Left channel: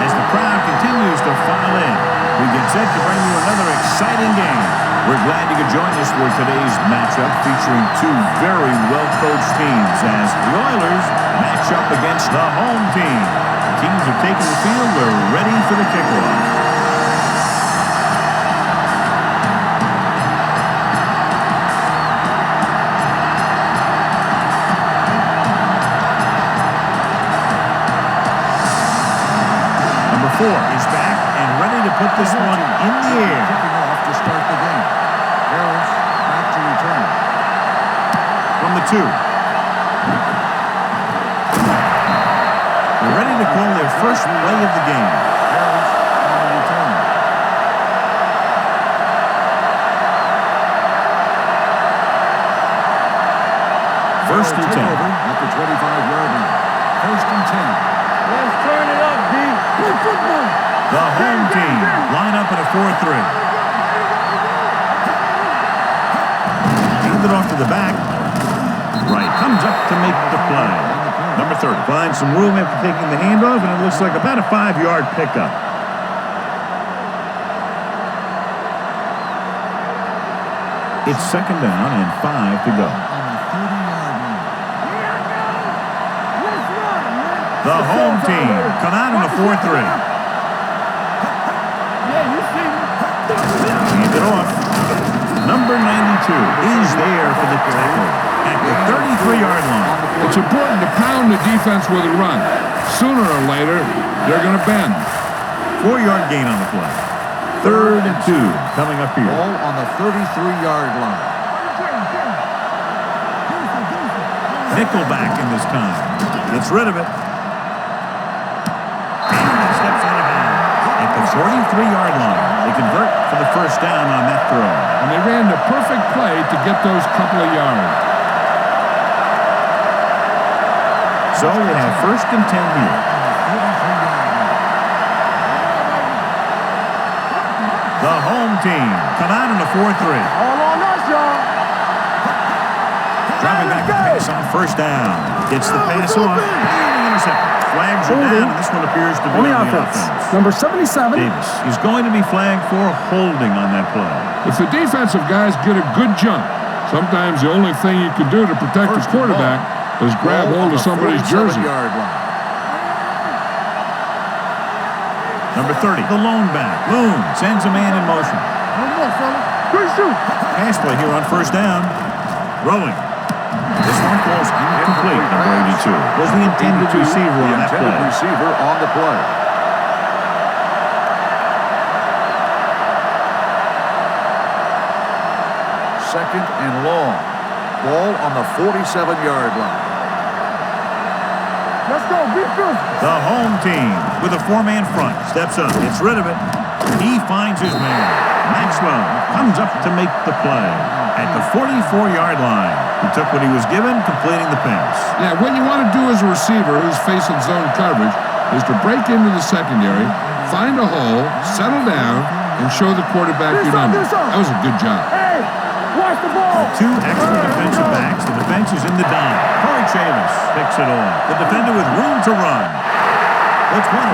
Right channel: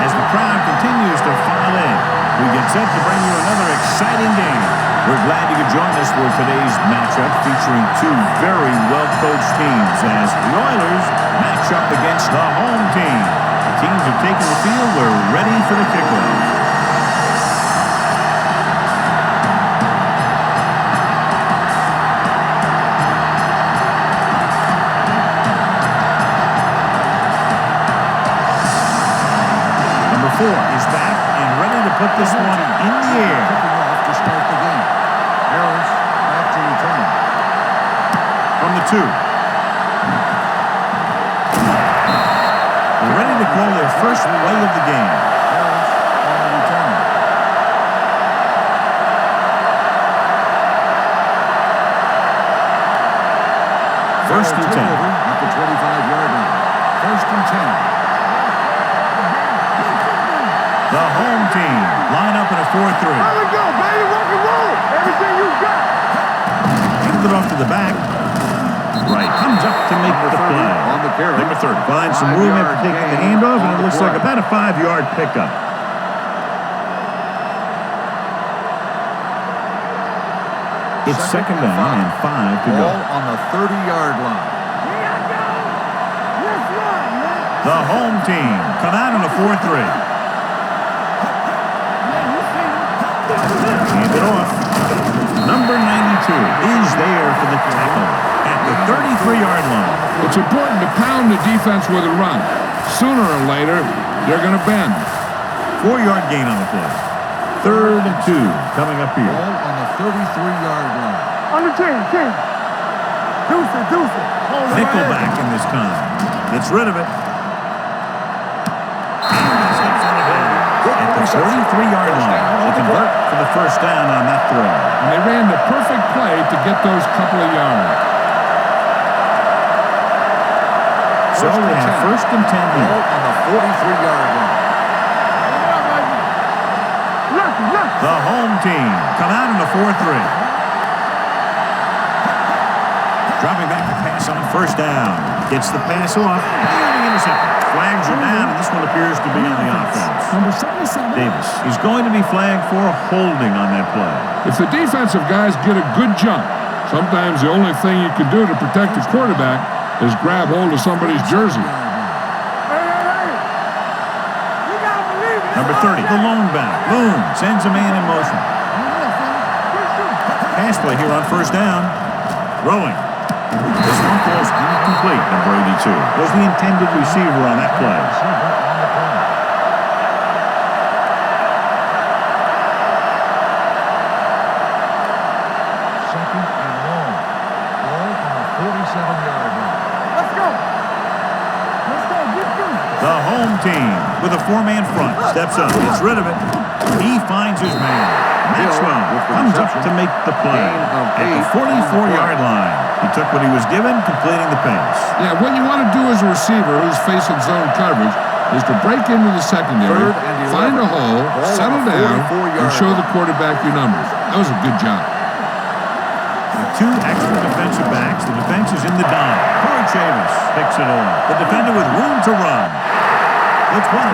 As the crowd continues to file in, we get set to bring you another exciting game. We're glad you could join us for today's matchup featuring two very well-coached teams as the Oilers match up against the home team. The teams have taken the field. We're ready for the kickoff. Number 4 is back and ready to put this one in the air. Kicking off to start the game. Harris back to return. From the 2. They're ready to call their first play of the game. Harris on the return. First and 10. Over at the 25-yard line. First and 10. The home team line up in a 4-3. Hand it off to the back. Right, comes up to make the play. Number 30 finds some room after taking the handoff, and it looks like about a 5-yard pickup. It's second down and 5 to go. On the 30-yard line. Here I go. Let's run, man. The home team come out in a 4-3. Yeah, you see me. Hand it off. Number 92 is there for the tackle at the 33-yard line. It's important to pound the defense with a run. Sooner or later, they're going to bend. 4-yard gain on the play. 3rd and 2 coming up here. Ball on the 33-yard line. On the 10. Deuce. Nickelback in this time. Gets rid of it. And he steps out of bounds at the 43-yard line. They convert for the first down on that throw. And they ran the perfect play to get those couple of yards. So they have first and 10 here. On the 43-yard line. Bring it up, baby. The home team come out in a 4-3. Hold on us, y'all. Dropping back to pass on first down. Gets the pass off. Nearly intercepted. Flags are down, and this one appears to be on the offense. Number 77. Davis. He's going to be flagged for holding on that play. If the defensive guys get a good jump, sometimes the only thing you can do to protect the quarterback is grab hold of somebody's jersey. Number 30, the lone back. Boom, sends a man in motion. No more, fellas. Good shoot. Pass play here on first down. Throwing. This one falls incomplete. Number 82 was the intended receiver on that play. Receiver on the play. Second and long. Ball on the 47-yard line. Let's go. Be physical. The home team with a 4-man front steps up. Gets rid of it. He finds his man. Maxwell comes up to make the play at the 44-yard line. He took what he was given, completing the pass. Yeah, what you want to do as a receiver who's facing zone coverage is to break into the secondary, find a hole, settle down, and show the quarterback your number. That was a good job. With 2 extra defensive backs, the defense is in the dime. Corey Chavis picks it off. The defender with room to run. The 20.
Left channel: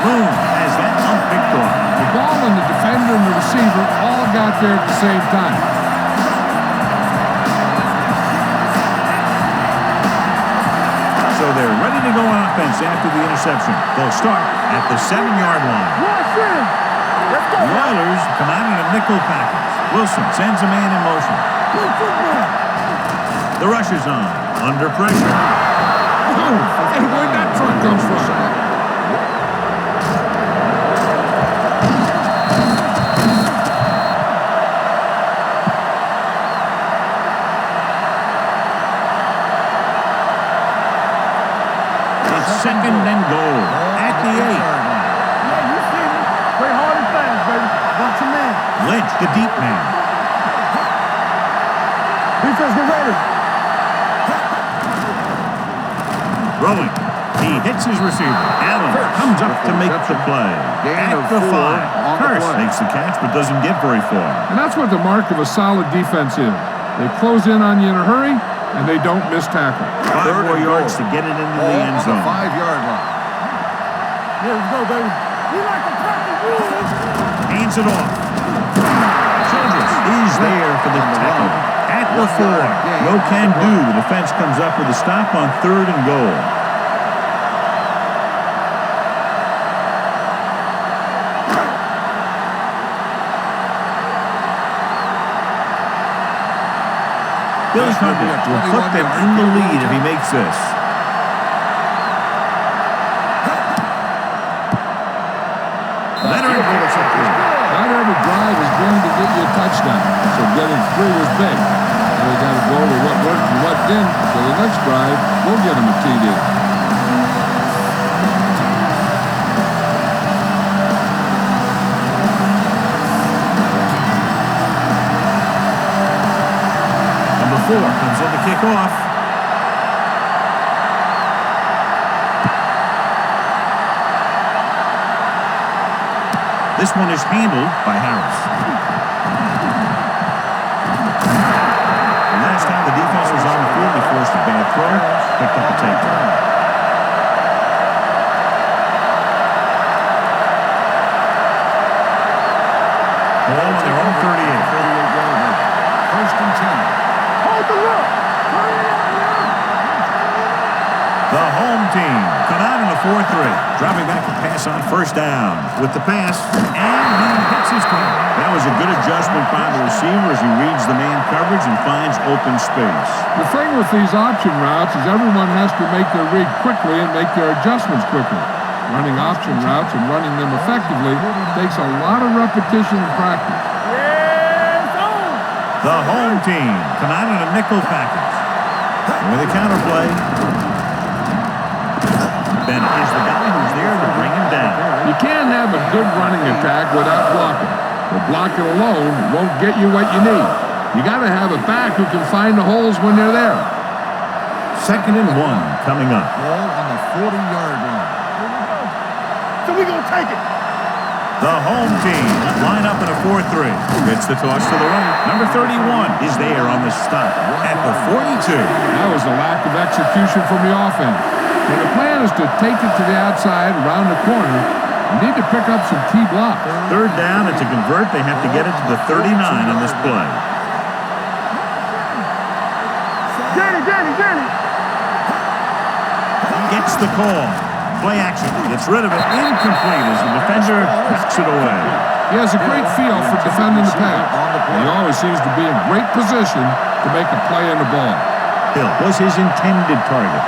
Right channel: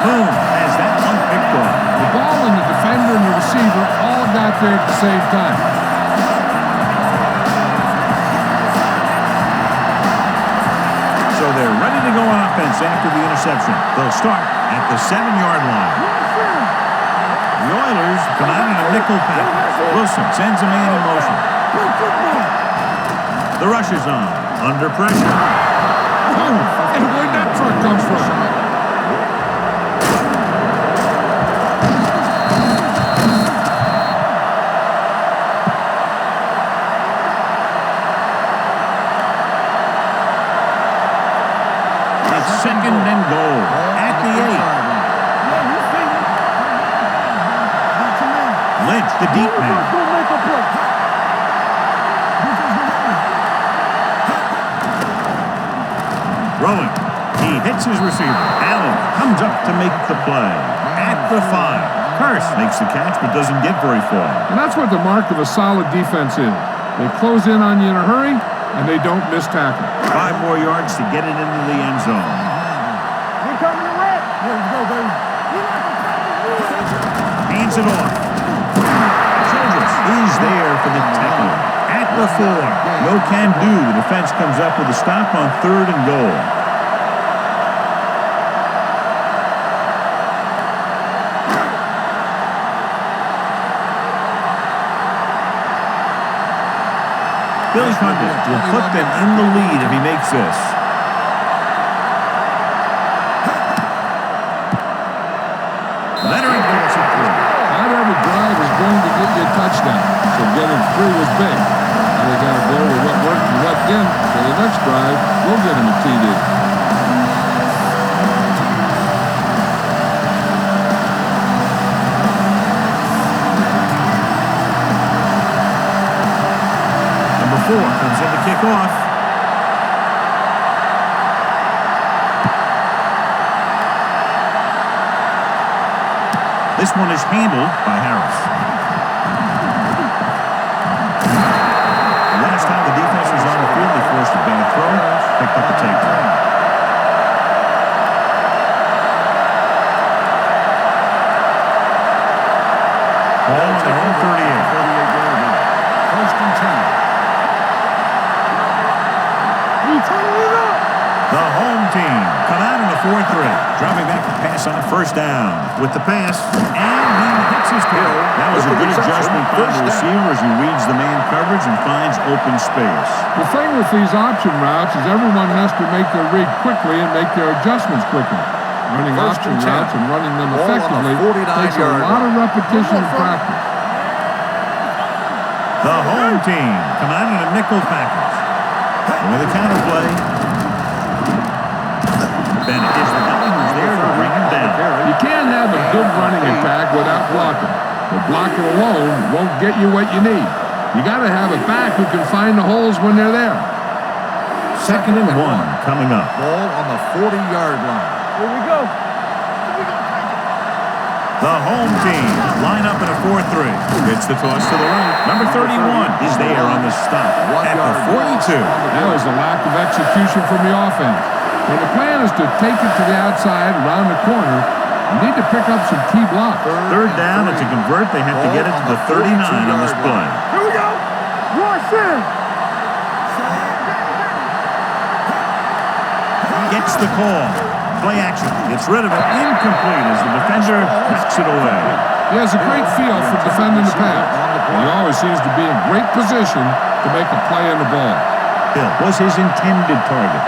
Boom, has that one picked off. The ball and the defender and the receiver all got there at the same time. So they're ready to go on offense after the interception. They'll start at the 7-yard line. The Oilers come out in a nickel package. Wilson sends a man in motion. The rush is on. Under pressure. Boom! Hey, where'd that truck come from? It's second and goal at the 8. Yeah, you see me. Play hard and fast, baby. Watch your man. Lynch, the deep man. Defense, get ready. Throwing. He hits his receiver. Allen comes up to make the play. At the 5. Hurst makes the catch but doesn't get very far. And that's what the mark of a solid defense is. They close in on you in a hurry, and they don't miss tackle. 5 more yards to get it into the end zone. 5-yard line. We're coming to red. Yeah, let's go, baby. We like to pack the wolves. Hands it off. Childress is there for the tackle. At the 4. No can do. The defense comes up with a stop on 3rd and goal. Billy Condon will put them in the lead if he makes this. Leonard gets it through. Not every drive is going to get you a touchdown, so getting 3 was big. Now they got to go over what worked and what didn't, so the next drive will get him a TD. Number 4 comes in to kick off. This one is handled by Harris. The last time the defense was on the field, they forced a bad throw, picked up a takeaway. Ball on their own 38. 38-yard line. 1st and 10. Hold the look. Turn it up now. We turn it up. The home team come out in a 4-3. Dropping back to pass on 1st down. With the pass, and he hits his target. That was a good adjustment by the receiver as he reads the man coverage and finds open space. The thing with these option routes is everyone has to make their read quickly and make their adjustments quickly. Running option routes and running them effectively takes a lot of repetition and practice. The home team come out in a nickel package. With a counterplay, Bennett is the guy who's there to bring him down. You can't have a good running attack without blocking, but blocking alone won't get you what you need. You got to have a back who can find the holes when they're there. 2nd and 1 coming up. Ball on the 40-yard line. Here we go. So we gonna take it. The home team line up in a 4-3. Gets the toss to the right. Number 31 is there on the stop at the 42. That was a lack of execution from the offense. When the plan is to take it to the outside, around the corner, you need to pick up some key blocks. 3rd down, and to convert, they have to get it to the 39 on this play. Here we go. Rush in. Danny. Gets the call. Play action. Gets rid of it. Incomplete as the defender knocks it away. He has a great feel for defending the pass. He always seems to be in great position to make a play in the ball. Hill was his intended target.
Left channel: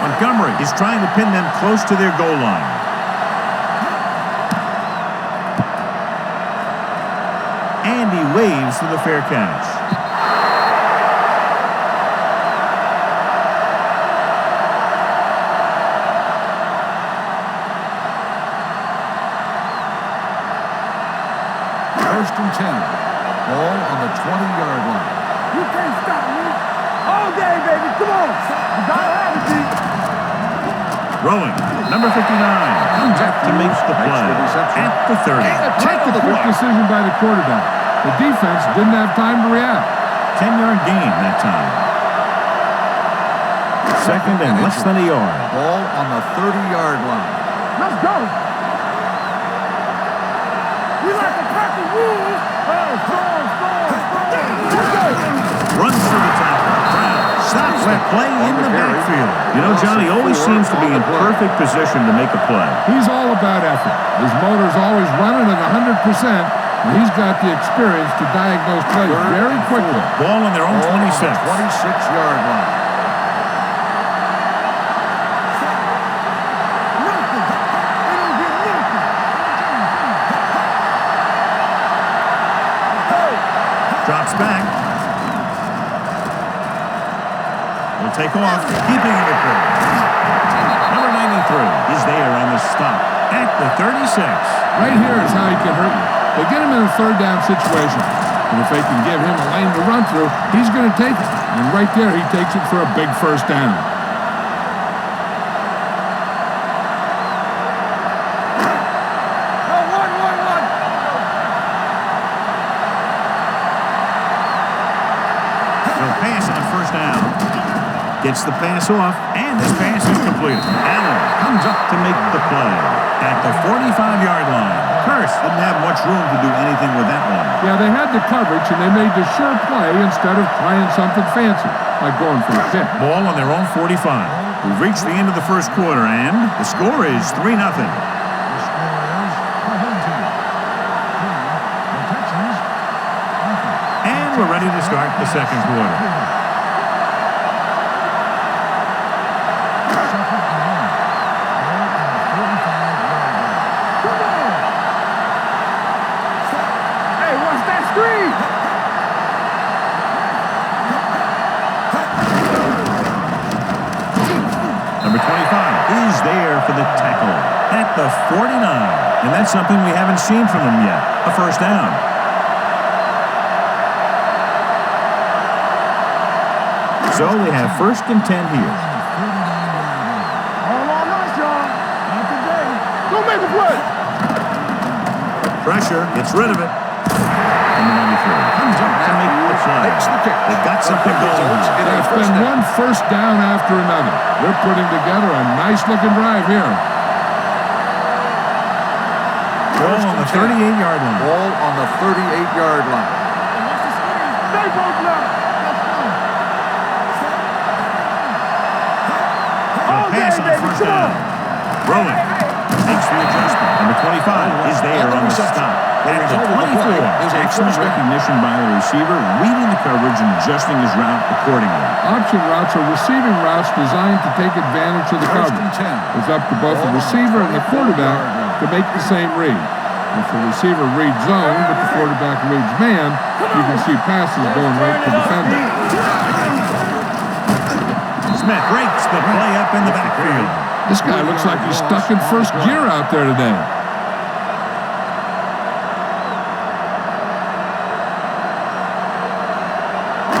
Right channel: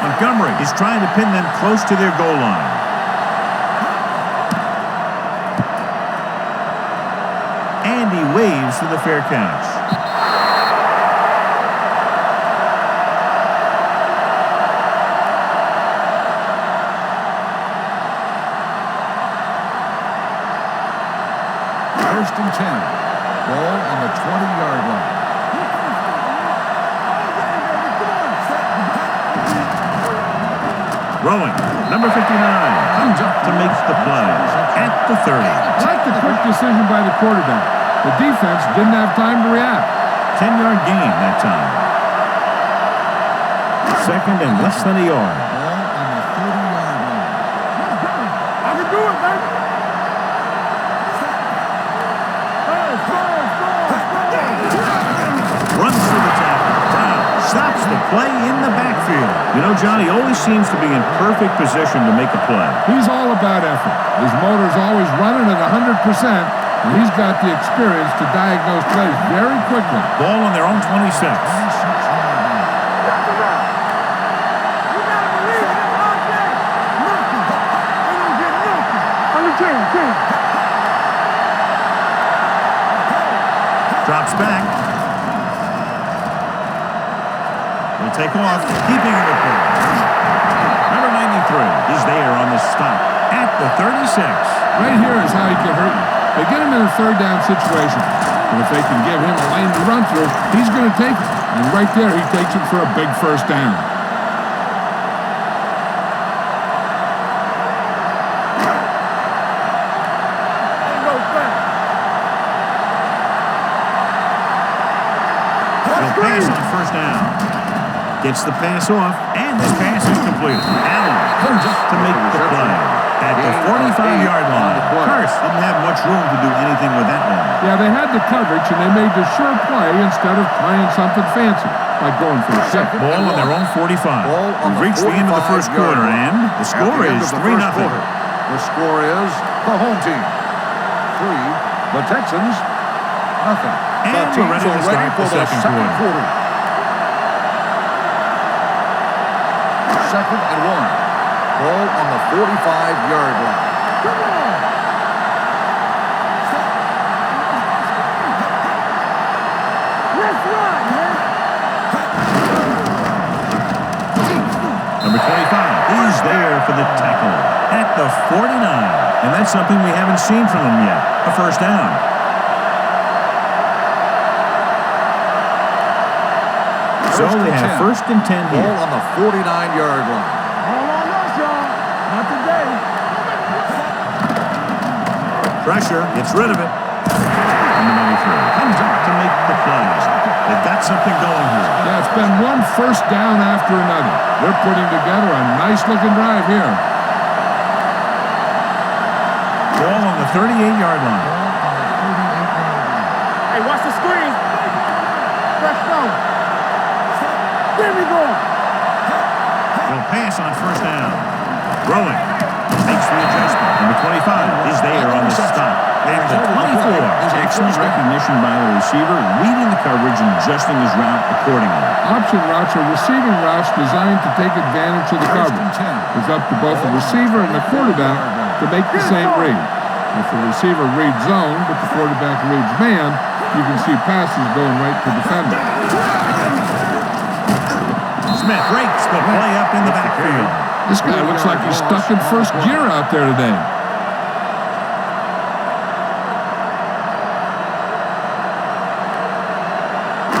Montgomery is trying to pin them close to their goal line. And he waves for the fair catch. First and 10. Ball on the 20-yard line. You can't stop me. All day, baby. Come on. You gotta have it, G. Throwing. Number 59 comes up to make the play at the 30. Like the quick decision by the quarterback. The defense didn't have time to react. 10-yard gain that time. 2nd and less than a yard. Ball on the 30-yard line. Let's go. I can do it, baby. We like to pack the wolves. Hey, score. Runs through the tackle. Brown stops the play in the backfield. You know, John, he always seems to be in perfect position to make a play. He's all about effort. His motor's always running at 100%, and he's got the experience to diagnose plays very quickly. Ball on their own 26. 26-yard line. Nothing. They don't get nothing. On the 10. Drops back. He'll take off, keeping him at bay. Number 93 is there on the stop at the 36. Right here is how he can hurt you. They get him in a 3rd down situation. But if they can give him a lane to run through, he's going to take it. And right there, he takes it for a big 1st down. He'll pass on first down. Gets the pass off, and this pass is completed. Allen comes up to make the play at the 45-yard line. Curse didn't have much room to do anything with that one. Yeah, they had the coverage, and they made the sure play instead of trying something fancy, like going for a pick. Ball on their own 45. We've reached the end of the first quarter, and the score is 3-0. The score is the home team 3, the Texans nothing. And we're ready to start the second quarter. Second and 1. Ball on the 45-yard line. Come on. Hey, watch that screen. Let's run, man. Number 25 is there for the tackle at the 49. And that's something we haven't seen from them yet. A first down. So they have first and 10 here. Ball on the 49-yard line. All on us, y'all. Not today. Go make a play. Pressure. Gets rid of it. Number 93 comes up to make the play. They've got something going here. Yeah, it's been one first down after another. They're putting together a nice-looking drive here. Ball on the 38-yard line. Ball on the 38-yard line. Hey, watch the screen. Stay both left. Press down. There we go. He'll pass on first down. Throwing. Makes the adjustment. Number 25 is there on the stop. At the 24. Excellent recognition by the receiver, reading the coverage and adjusting his route accordingly. Option routes are receiving routes designed to take advantage of the coverage. It's up to both the receiver and the quarterback to make the same read. If the receiver reads zone, but the quarterback reads man, you can see passes going right to defender. Smith breaks the play up in the backfield. This guy looks like he's stuck in first gear out there today.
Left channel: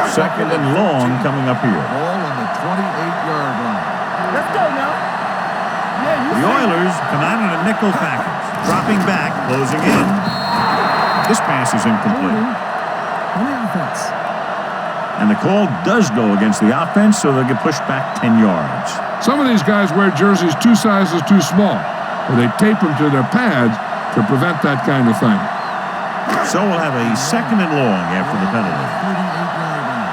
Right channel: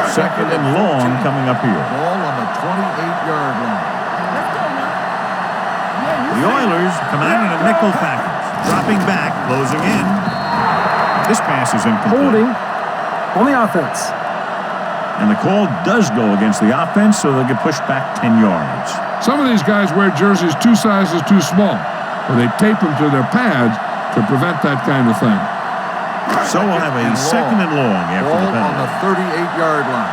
Second and long coming up here. Ball on the 28-yard line. Let's go now. Yeah, you The Oilers come out in a nickel package. Dropping back, closing in. This pass is incomplete. holding on the offense. And the call does go against the offense, so they'll get pushed back 10 yards. Some of these guys wear jerseys 2 sizes too small, or they tape them to their pads to prevent that kind of thing. So we'll have a second and long after the penalty. On the 38-yard line.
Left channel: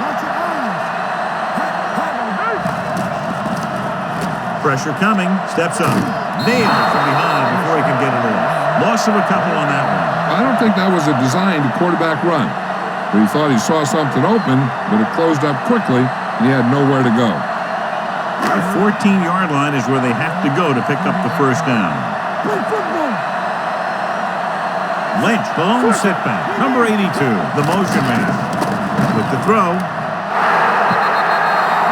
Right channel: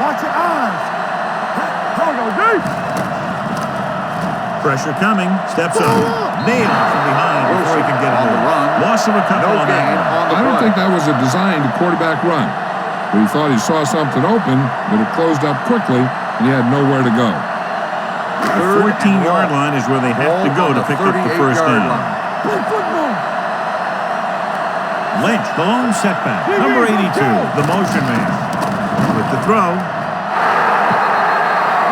Watch your eyes. Pressure coming. Steps up. Nailed from behind before he can get it off. Loss of a couple on that one. I don't think that was a designed quarterback run, but he thought he saw something open, but it closed up quickly, and he had nowhere to go. The 14-yard line is where they have to go to pick up the first down. Play football. Lynch, the lone setback. Number 82, the motion man. With the throw.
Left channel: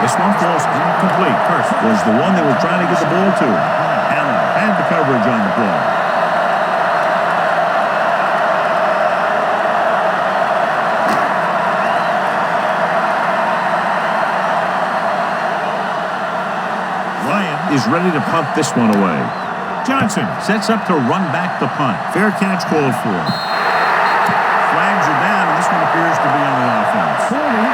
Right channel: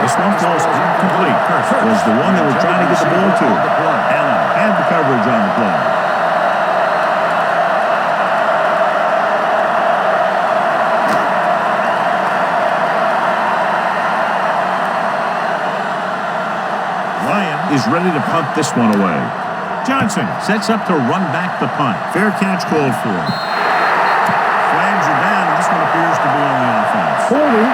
This one falls incomplete. Curse was the one they were trying to get the ball to. Allen had the coverage on the play. Ryan is ready to punt this one away. Johnson sets up to run back the punt. Fair catch called for. Flags are down, and this one appears to be on the offense. Holding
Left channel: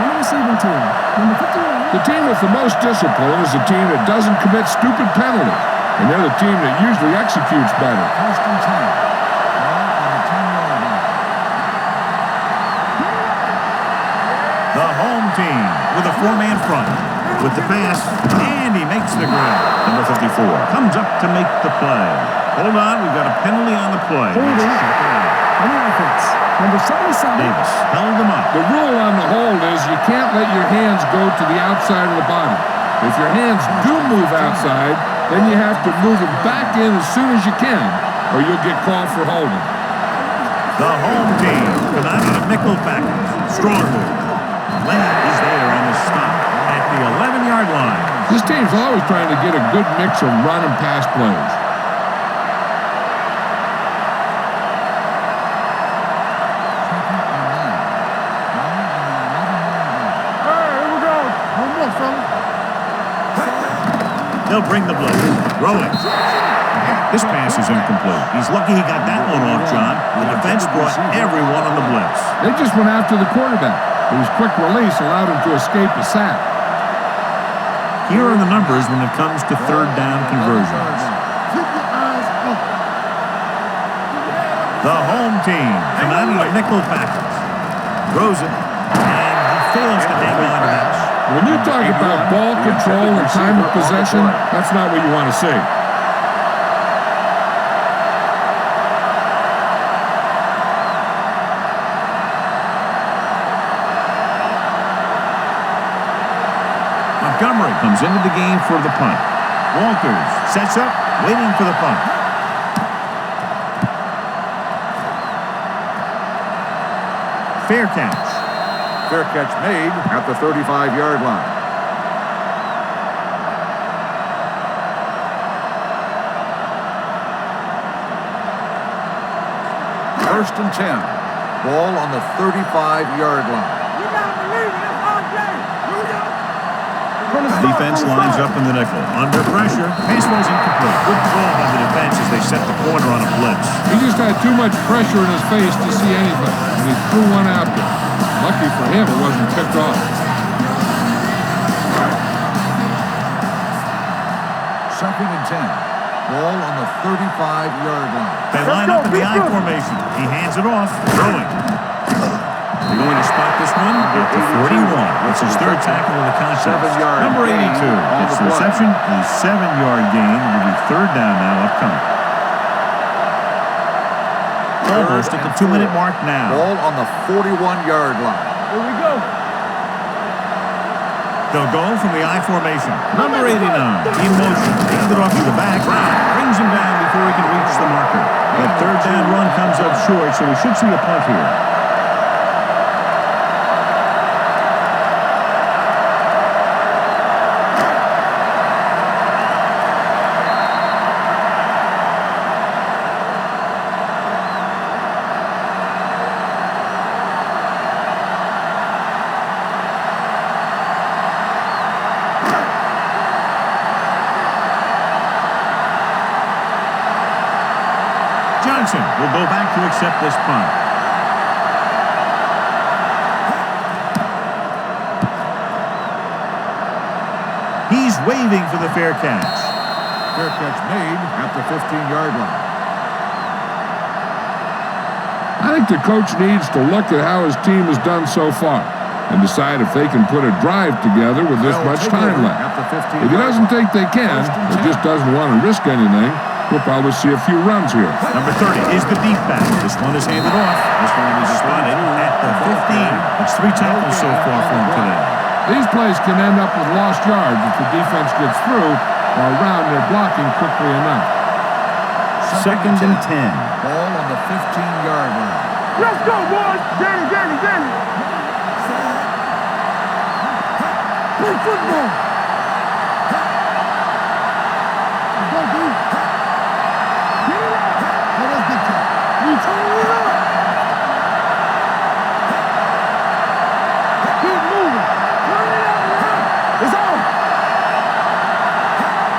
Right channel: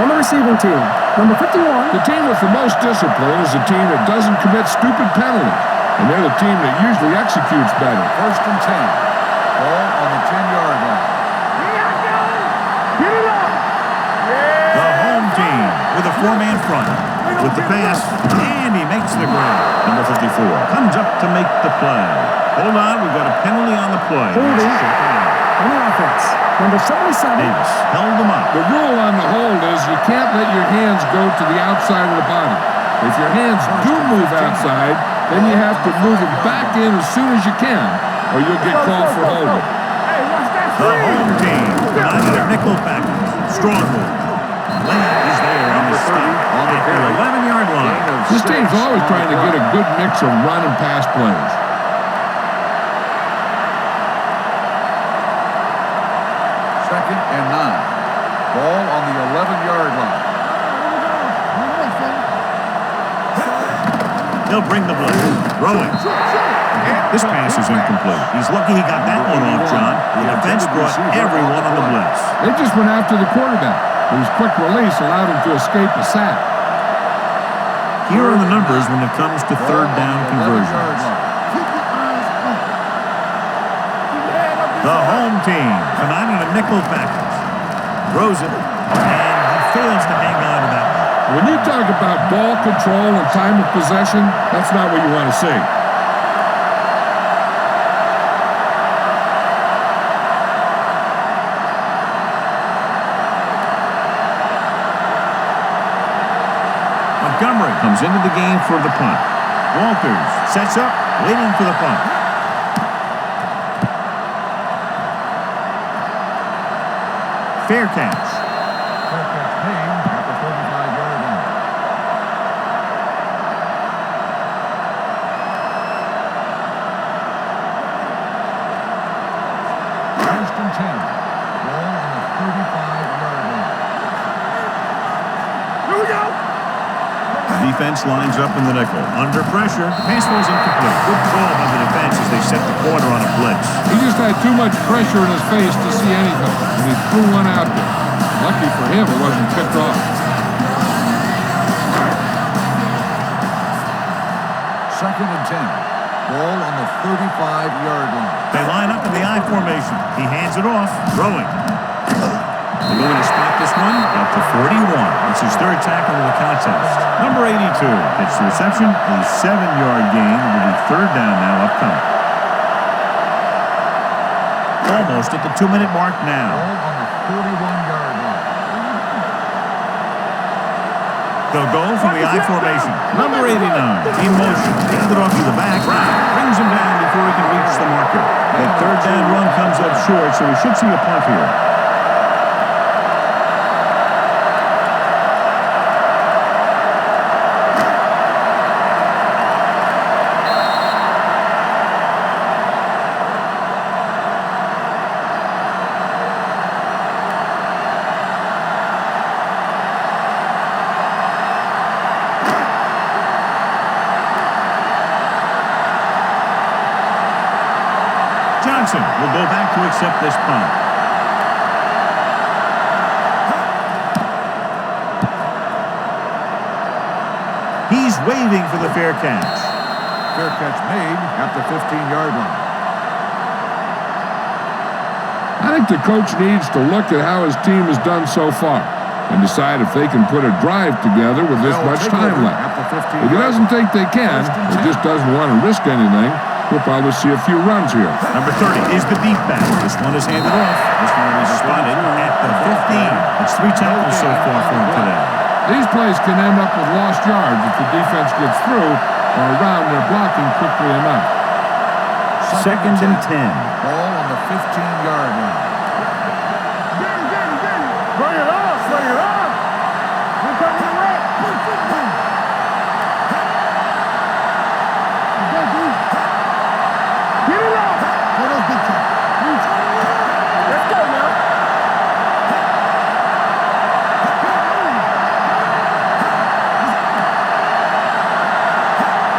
on the receiving team. Number 51. The team with the most discipline is the team that doesn't commit stupid penalties, and they're the team that usually executes better. First and 10. Ball on the 10-yard line. Get it up. The home team with a 4-man front. With the pass, and he makes the grab. Number 54 comes up to make the play. Hold on, we've got a penalty on the play. Holding. Let's check it out. On the offense. Number 77. Davis held them up. The rule on the hold is you can't let your hands go to the outside of the body. If your hands do move outside, then you have to move them back in as soon as you can, or you'll get called for holding. Hey, watch that. The home team come out in a nickel package. Strong move. Lane is there on the stop at the 11-yard line. This team's always trying to get a good mix of run and pass plays. Second and 9. Ball on the 11-yard line. Hey, here we go. No more, fella. They'll bring the blitz. Throwing. This pass is incomplete. He's lucky he got that one off, John. The defense brought everyone on the blitz. They just went after the quarterback, but his quick release allowed him to escape a sack. Here are the numbers when it comes to third down conversions. Keep your eyes open. Keep your head up. The home team come out in a nickel package. Throws it, and he fails to hang on to that one. When you talk about ball control and time of possession, that's not what you want to see. Montgomery comes into the game for the punt. Walters sets up, waiting for the punt. Fair catch. Fair catch made at the 35-yard line. First and 10. Ball on the 35-yard line. We gotta believe it. It's our day. Here we go. Defense lines up in the nickel. Under pressure. Pass ball's incomplete. Good call by the defense as they set the corner on a blitz. He just had too much pressure in his face to see anything, and he threw one out there. Lucky for him, it wasn't picked off. Second and 10. Ball on the 35-yard line. They line up in the I formation. He hands it off. Throwing. They're going to spot this one at the 41. It's his third tackle of the contest. Number 82 gets the reception, a 7-yard gain. It'll be third down now upcoming. Almost at the 2-minute mark now. Ball on the 41-yard line. Here we go. They'll go from the I formation. Number 89 in motion. Handed off to the back. Brown brings him down before he can reach the marker. That third down run comes up short, so we should see a punt here. Johnson will go back to accept this punt. He's waving for the fair catch. Fair catch made at the 15-yard line. I think the coach needs to look at how his team has done so far and decide if they can put a drive together with this much time left. At the 15-yard If he doesn't line. think they can, or just doesn't want to risk anything, we'll probably see a few runs here. Number 30 is the deep back. This one is handed off. This one will be spotted at the 15. It's 3 tackles so far for him today. These plays can end up with lost yards if the defense gets through or around their blocking quickly enough. Second and 10. Ball on the 15-yard line. Let's go, boys. Danny. Bring it on. We come to red. Play football. Let's go, dude. Get it up. Let us big time. You turning it up. Let's go now. Keep moving. Turn it up now. It's on.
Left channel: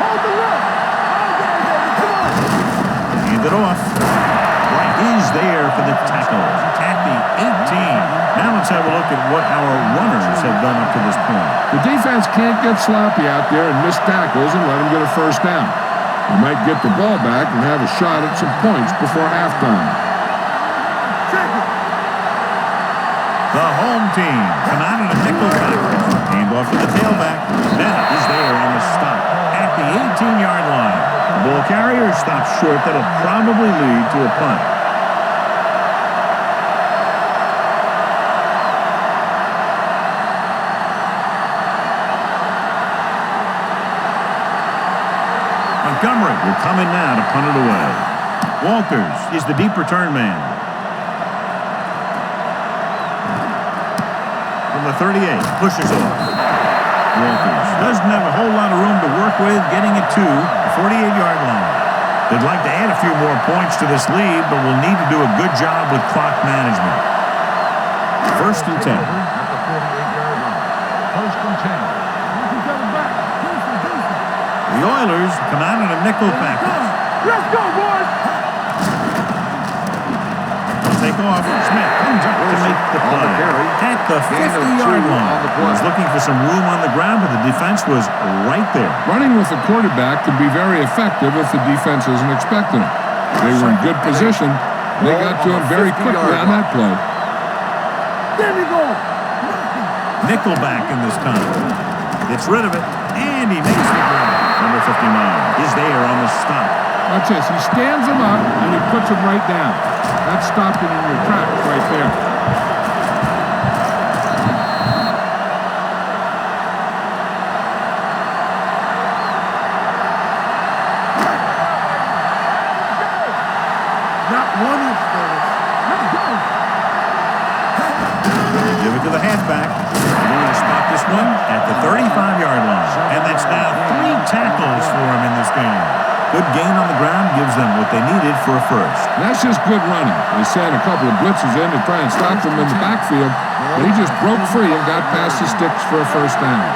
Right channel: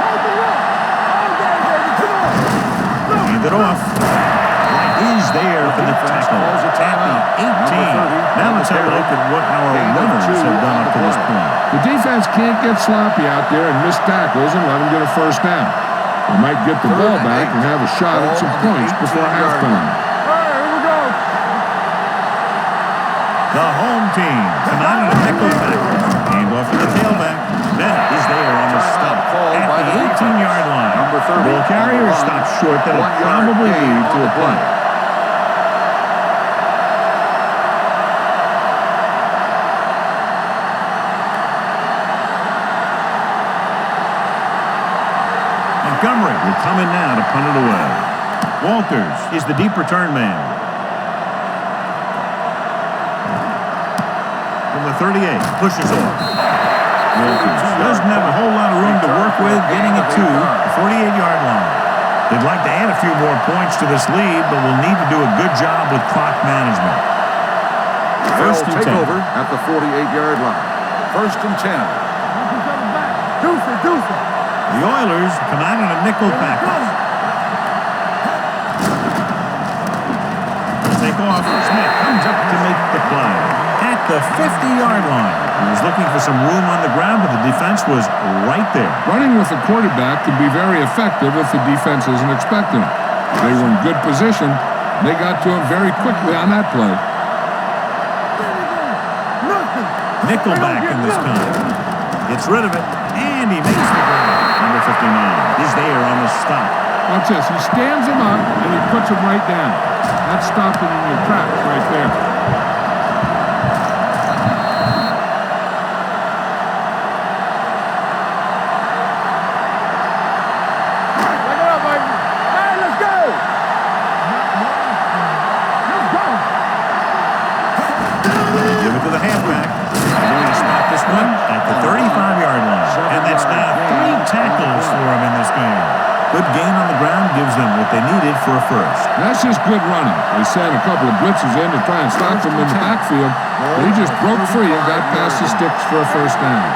Hold the look. All day, baby. Come on. Hand it off. Right is there for the tackle at the 18. Now let's have a look at what our runners have done up to this point. The defense can't get sloppy out there and miss tackles and let them get a first down. They might get the ball back and have a shot at some points before halftime. All right, here we go. Check it. The home team come out in a nickel package. Hand off to the tailback. Bennett is there on the stop at the 18-yard line. The ball carrier is stopped short. That'll probably lead to a punt. Montgomery will come in now to punt it away. Walters is the deep return man. From the 38, pushes off. Walters doesn't have a whole lot of room to work with, getting it to the 48-yard line. They'd like to add a few more points to this lead, but will need to do a good job with clock management. First and 10. At the 48-yard line. First and 10. Watch each other back. Deuce it. The Oilers come out in a nickel package. Let's go, boys. Take off. Smith comes up to make the play. At the 50-yard line. He was looking for some room on the ground, but the defense was right there. Running with the quarterback can be very effective if the defense isn't expecting it. They were in good position. They got to him very quickly on that play. There we go. Nothing. Nickelback in this time. Gets rid of it, and he makes the grab. Number 59 is there on the stop. Watch this. He stands him up, and he puts him right down. That's stopping in your tracks right there. Give it to the halfback. They're going to spot this one at the 35-yard line. And that's now 3 tackles for him in this game. Good gain on the ground gives them what they needed for a first. That's just good running. They sent a couple of blitzes in to try and stop him in the backfield, but he just broke free and got past the sticks for a first down.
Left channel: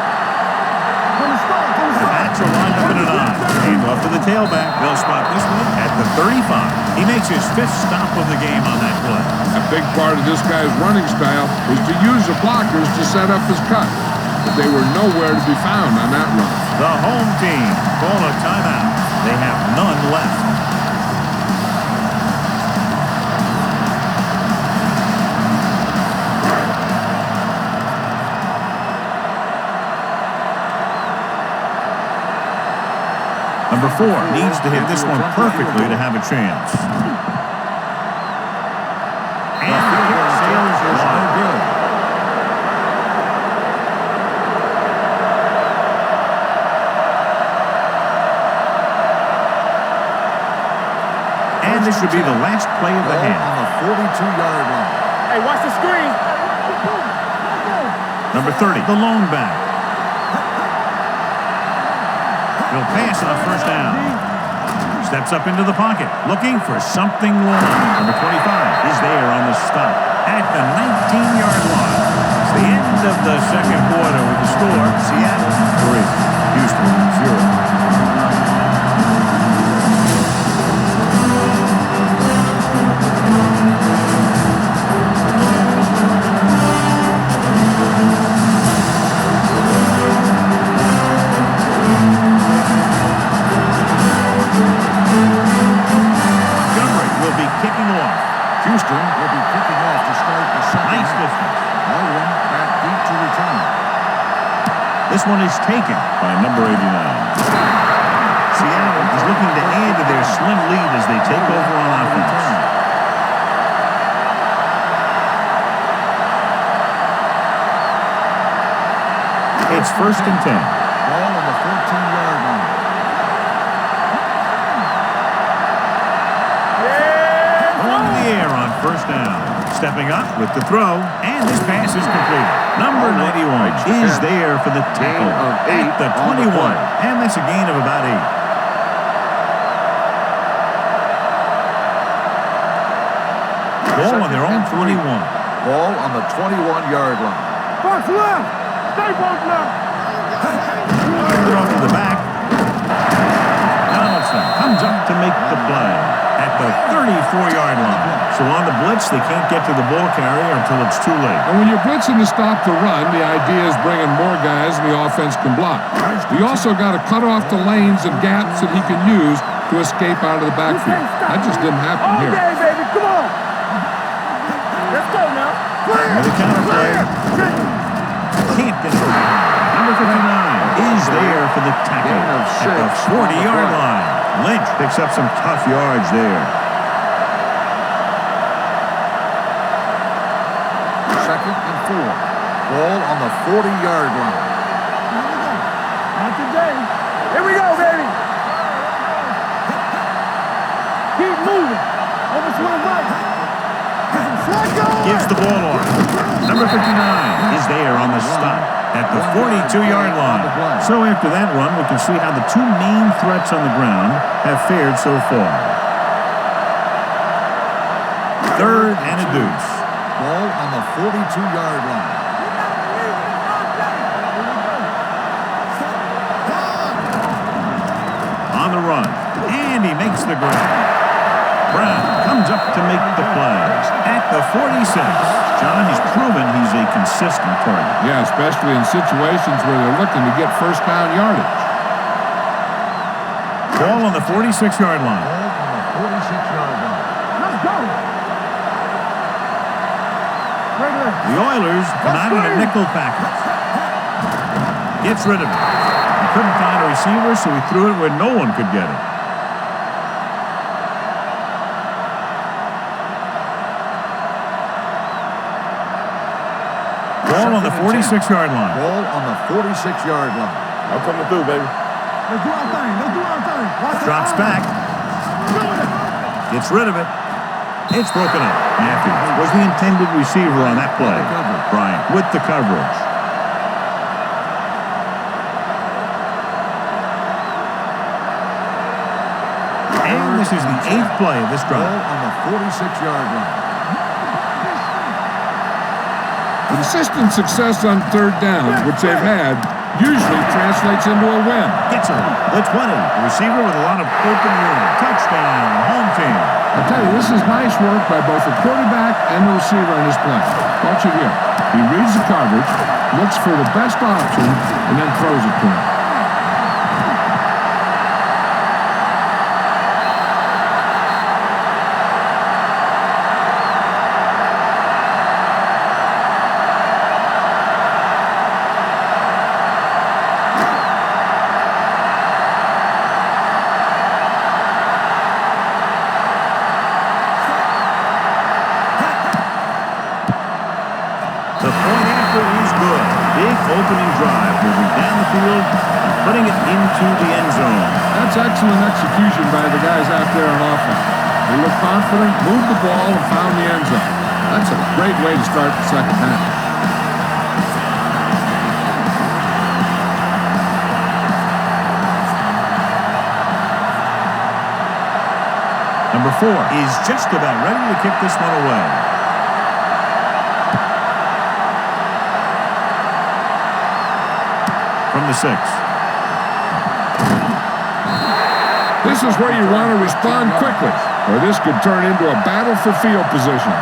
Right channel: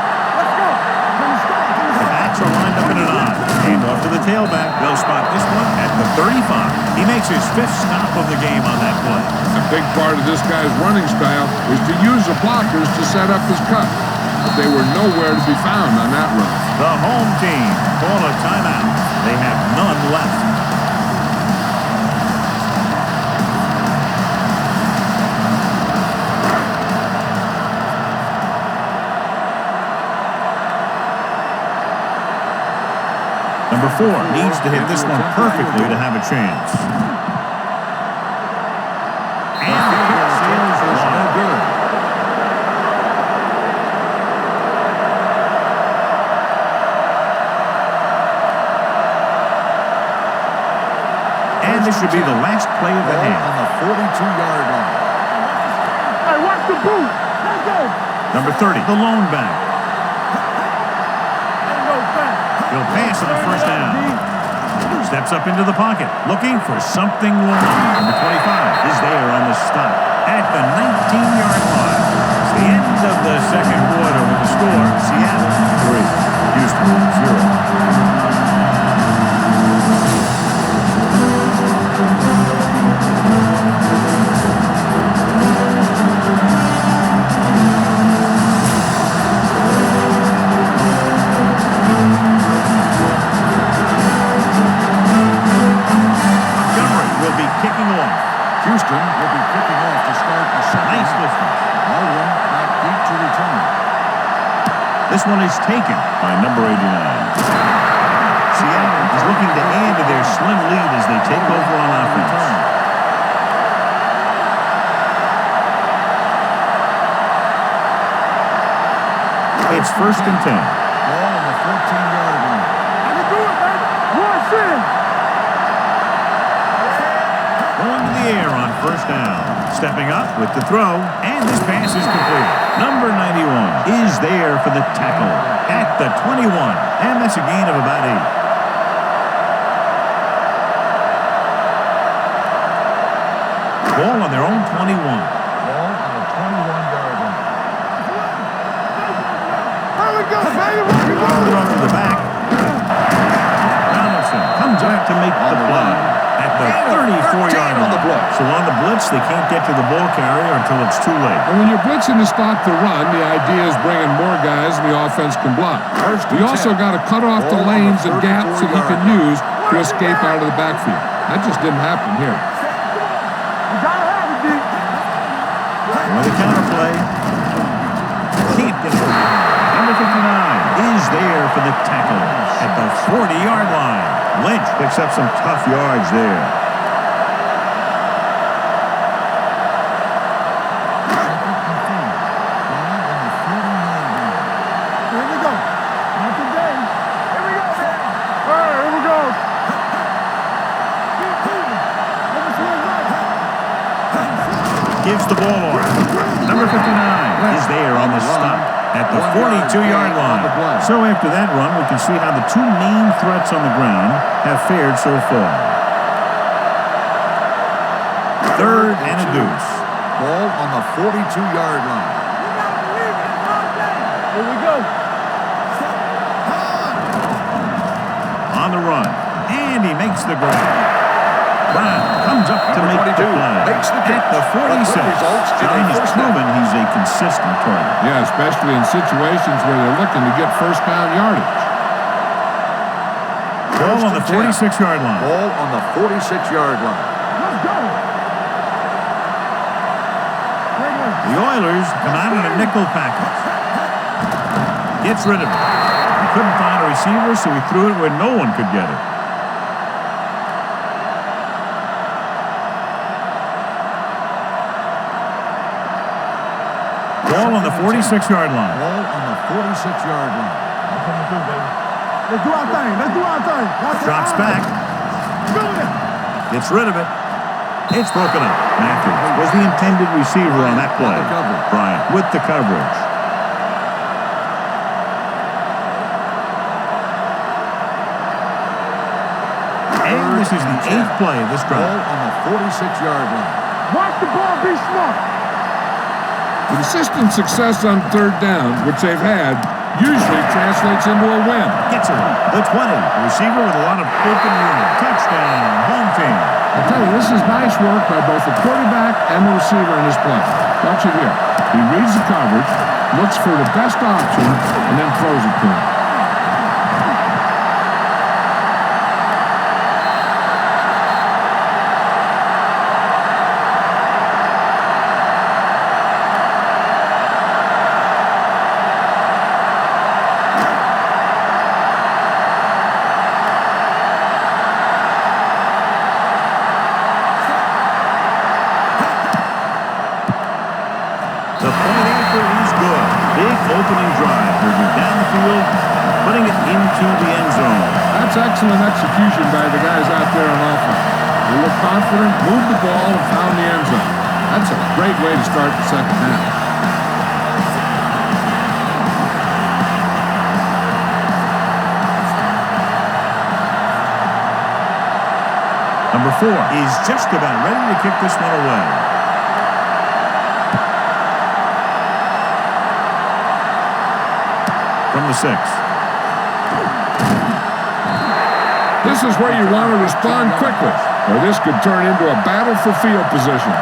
The backs are lined up in a nod. Hand off to the tailback. They'll spot this one at the 35. He makes his 5th stop of the game on that play. A big part of this guy's running style is to use the blockers to set up his cut, but they were nowhere to be found on that run. The home team call a timeout. They have none left. Number 4 needs to hit this one perfectly to have a chance. And the kick sails wide. No good. And this should be the last play of the half. On the 42-yard line. Hey, watch the screens. Hey, watch the booth. Let's go. Number 30, the lone back. He'll pass on the first down. Steps up into the pocket, looking for something long. Number 25 is there on the stop at the 19-yard line. It's the end of the second quarter with the score, Seattle 3, Houston 0. Kicking off. Houston will be kicking off to start the second Nice half. distance. Baldwin back deep to return. This one is taken by number 89. Seattle is looking to add to their slim lead as they take over on offense. It's 1st and 10. Ball on the 14-yard line. I can do it, baby. Watch in. Going to the air on first down. Stepping up with the throw, and this pass is completed. Number 91 is there for the tackle at the 21, and that's a gain of about 8. Ball on their own 21. Ball on the 21-yard line. Box left. Stay box left. There we go, baby. It off to the back. Donaldson comes up to make the play at the 34-yard line. So on the blitz, they can't get to the ball carrier until it's too late. And when you're blitzing to stop the run, the idea is bringing more guys and the offense can block. You also got to cut off the lanes and gaps that he can use to escape out of the backfield. That just didn't happen here. Come on. You got to have it, D. Let's go now. With a counterplay, can't get over. Number 59 is there for the tackle at the 40-yard line. Lynch picks up some tough yards there. 2nd and 4. Ball on the 40-yard line. Here we go. Not today. Here we go, baby. All right, here we go. Keep moving. Over to the right. Gives the ball off. Number 59 is there on the stop at the 42-yard line. So after that run, we can see how the two main threats on the ground have fared so far. 3rd and a deuce. Ball on the 42-yard line. You got to believe it. It's our day. Here we go. Set. on the run. And he makes the grab. Brown comes up to make the play at the 46. John, he's proven he's a consistent target. Yeah, especially in situations where they're looking to get first down yardage. Ball on the 46-yard line. Ball on the 46-yard line. Let's go. Regular. The Oilers come out in a nickel package. Gets rid of it. He couldn't find a receiver, so he threw it where no one could get it. Ball on the 46-yard line. Ball on the 46-yard line. I'm coming through, baby. Let's do our thing. Let's do our thing. Watch Drops back. Doing it. Gets rid of it. It's broken up. Matthews was the intended receiver on that play. Bryant with the coverage. And this is the 8th play of this drive. Ball on the 46-yard line. Watch the ball. Be smart. Consistent success on third down, which they've had, usually translates into a win. Gets it. The 20. The receiver with a lot of open room. Touchdown. Home team. I'll tell you, this is nice work by both the quarterback and the receiver in his play. Watch it here. He reads the coverage, looks for the best option, and then throws it to him. The point after is good. Big opening drive, moving down the field and putting it into the end zone. That's excellent execution by the guys out there on offense. They looked confident, moved the ball, and found the end zone. That's a great way to start the second half. Number 4 is just about ready to kick this one away. From the 6. This is where you want to respond quickly, or this could turn into a battle for field position.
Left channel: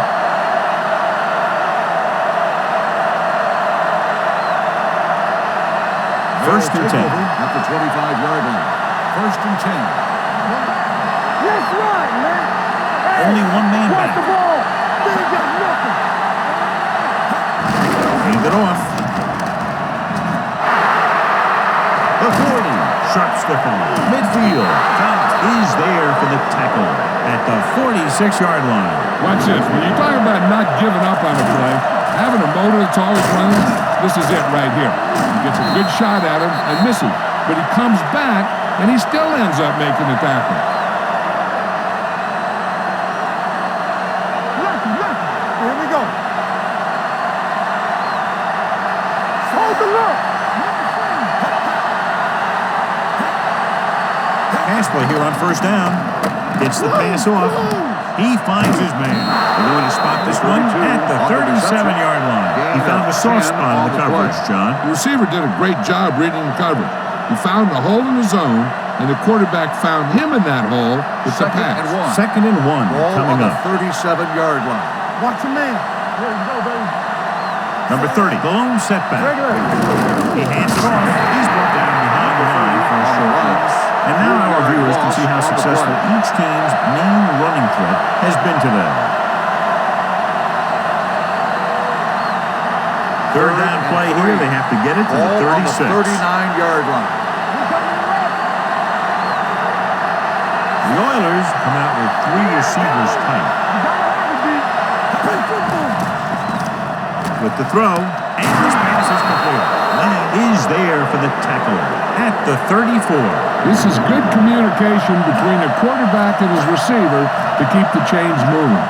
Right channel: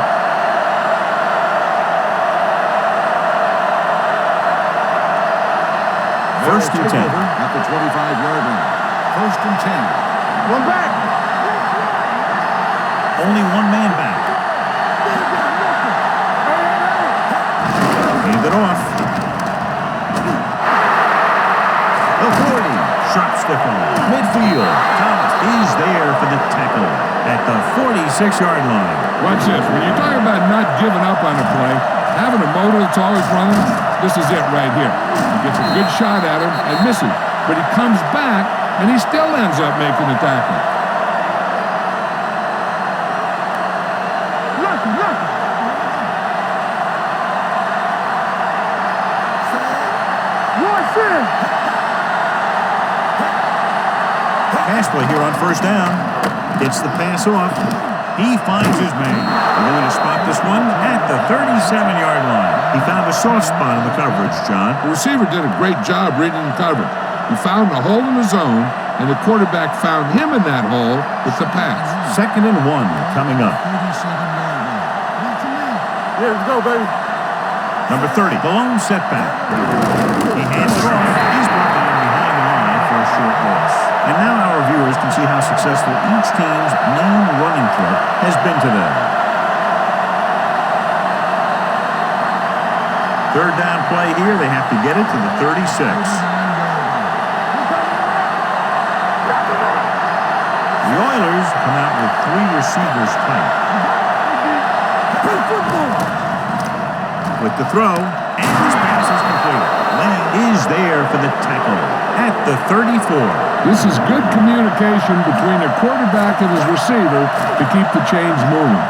First and 10. Over at the 25-yard line. First and 10. One back. Let's run, man. Only one man back. They ain't got nothing. Hey. Hand it off. The 40. Sharp stiff on midfield. Thomas is there for the tackle at the 46-yard line. Watch this. When you talk about not giving up on a play, having a motor that's always running, this is it right here. He gets a good shot at him and misses, but he comes back and he still ends up making the tackle. Lucky. Here we go. Hold the look. Watch in. Pass play here on first down. Gets the pass off. He finds his man. They're going to spot this one at the 37-yard line. He found a soft spot in the coverage, John. The receiver did a great job reading the coverage. He found a hole in the zone, and the quarterback found him in that hole with the pass. Second and 1 coming up. 37-yard line. Watch the man. Here we go, baby. Number 30, the lone setback. He hands it off. He's brought down behind the line for a short loss. And now our viewers can see how successful each team's main running threat has been today. Third down play here. They have to get it to the 36. 39-yard line. He coming right. Knock him out. The Oilers come out with 3 receivers tight. You gotta have it, D. Play football. With the throw, and this pass is completed. Lane is there for the tackle at the 34. This is good communication between the quarterback and his receiver to keep the chains moving.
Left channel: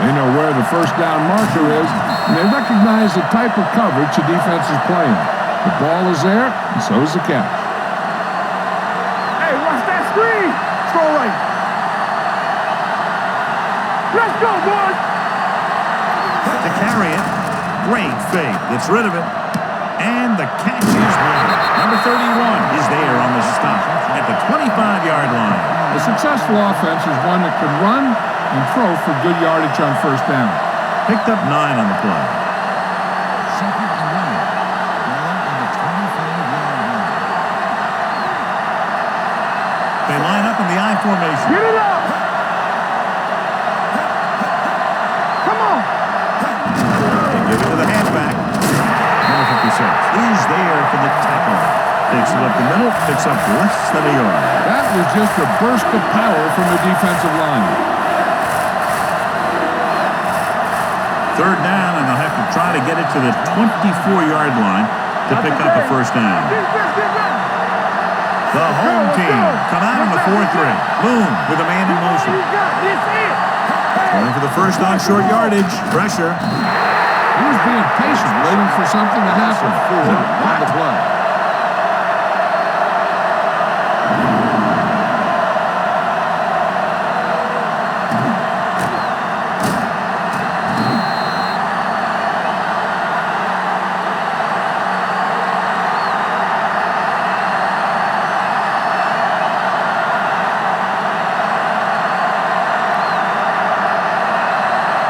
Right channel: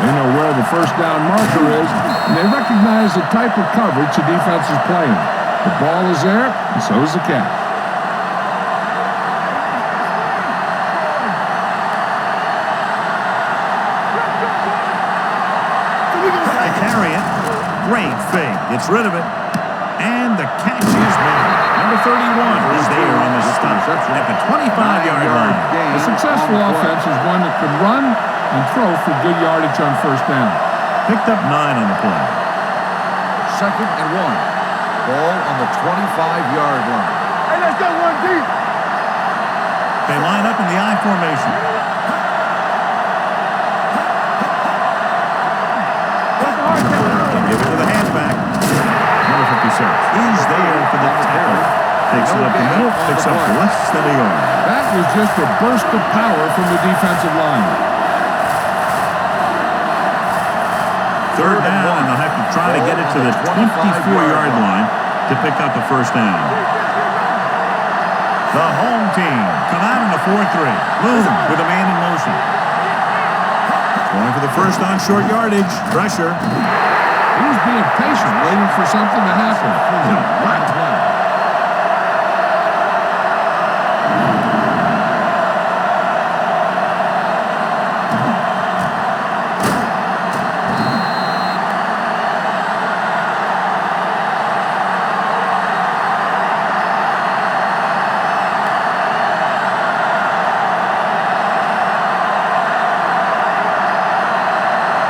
They know where the first down marker is, and they recognize the type of coverage the defense is playing. The ball is there, and so is the catch. Hey, watch that screen. Throw right. Let's go, boys. So we gonna To carry it, great fake. Gets rid of it, and the catch is is made. Number 31 is there on the stop at the 25-yard line. A successful offense is one that can run and throw for good yardage on first down. Picked up 9 on the play. 2nd and 1. Ball on the 25-yard line. Hey, let's go one deep. They line up in the I formation. Get it up. Come on. That's a hard play. They give it to the halfback. Number 56 is there for the tackle. Takes it up the middle, picks up less than a yard. That was just a burst of power from the defensive line. 3rd down, and they'll have to try to get it to the 24-yard line to pick up a first down. Defense, get ready. The home team come out in a 4-3. Boom, with a man in motion. Going for the first on short yardage. Pressure. He was being patient, waiting for something to happen. On the play.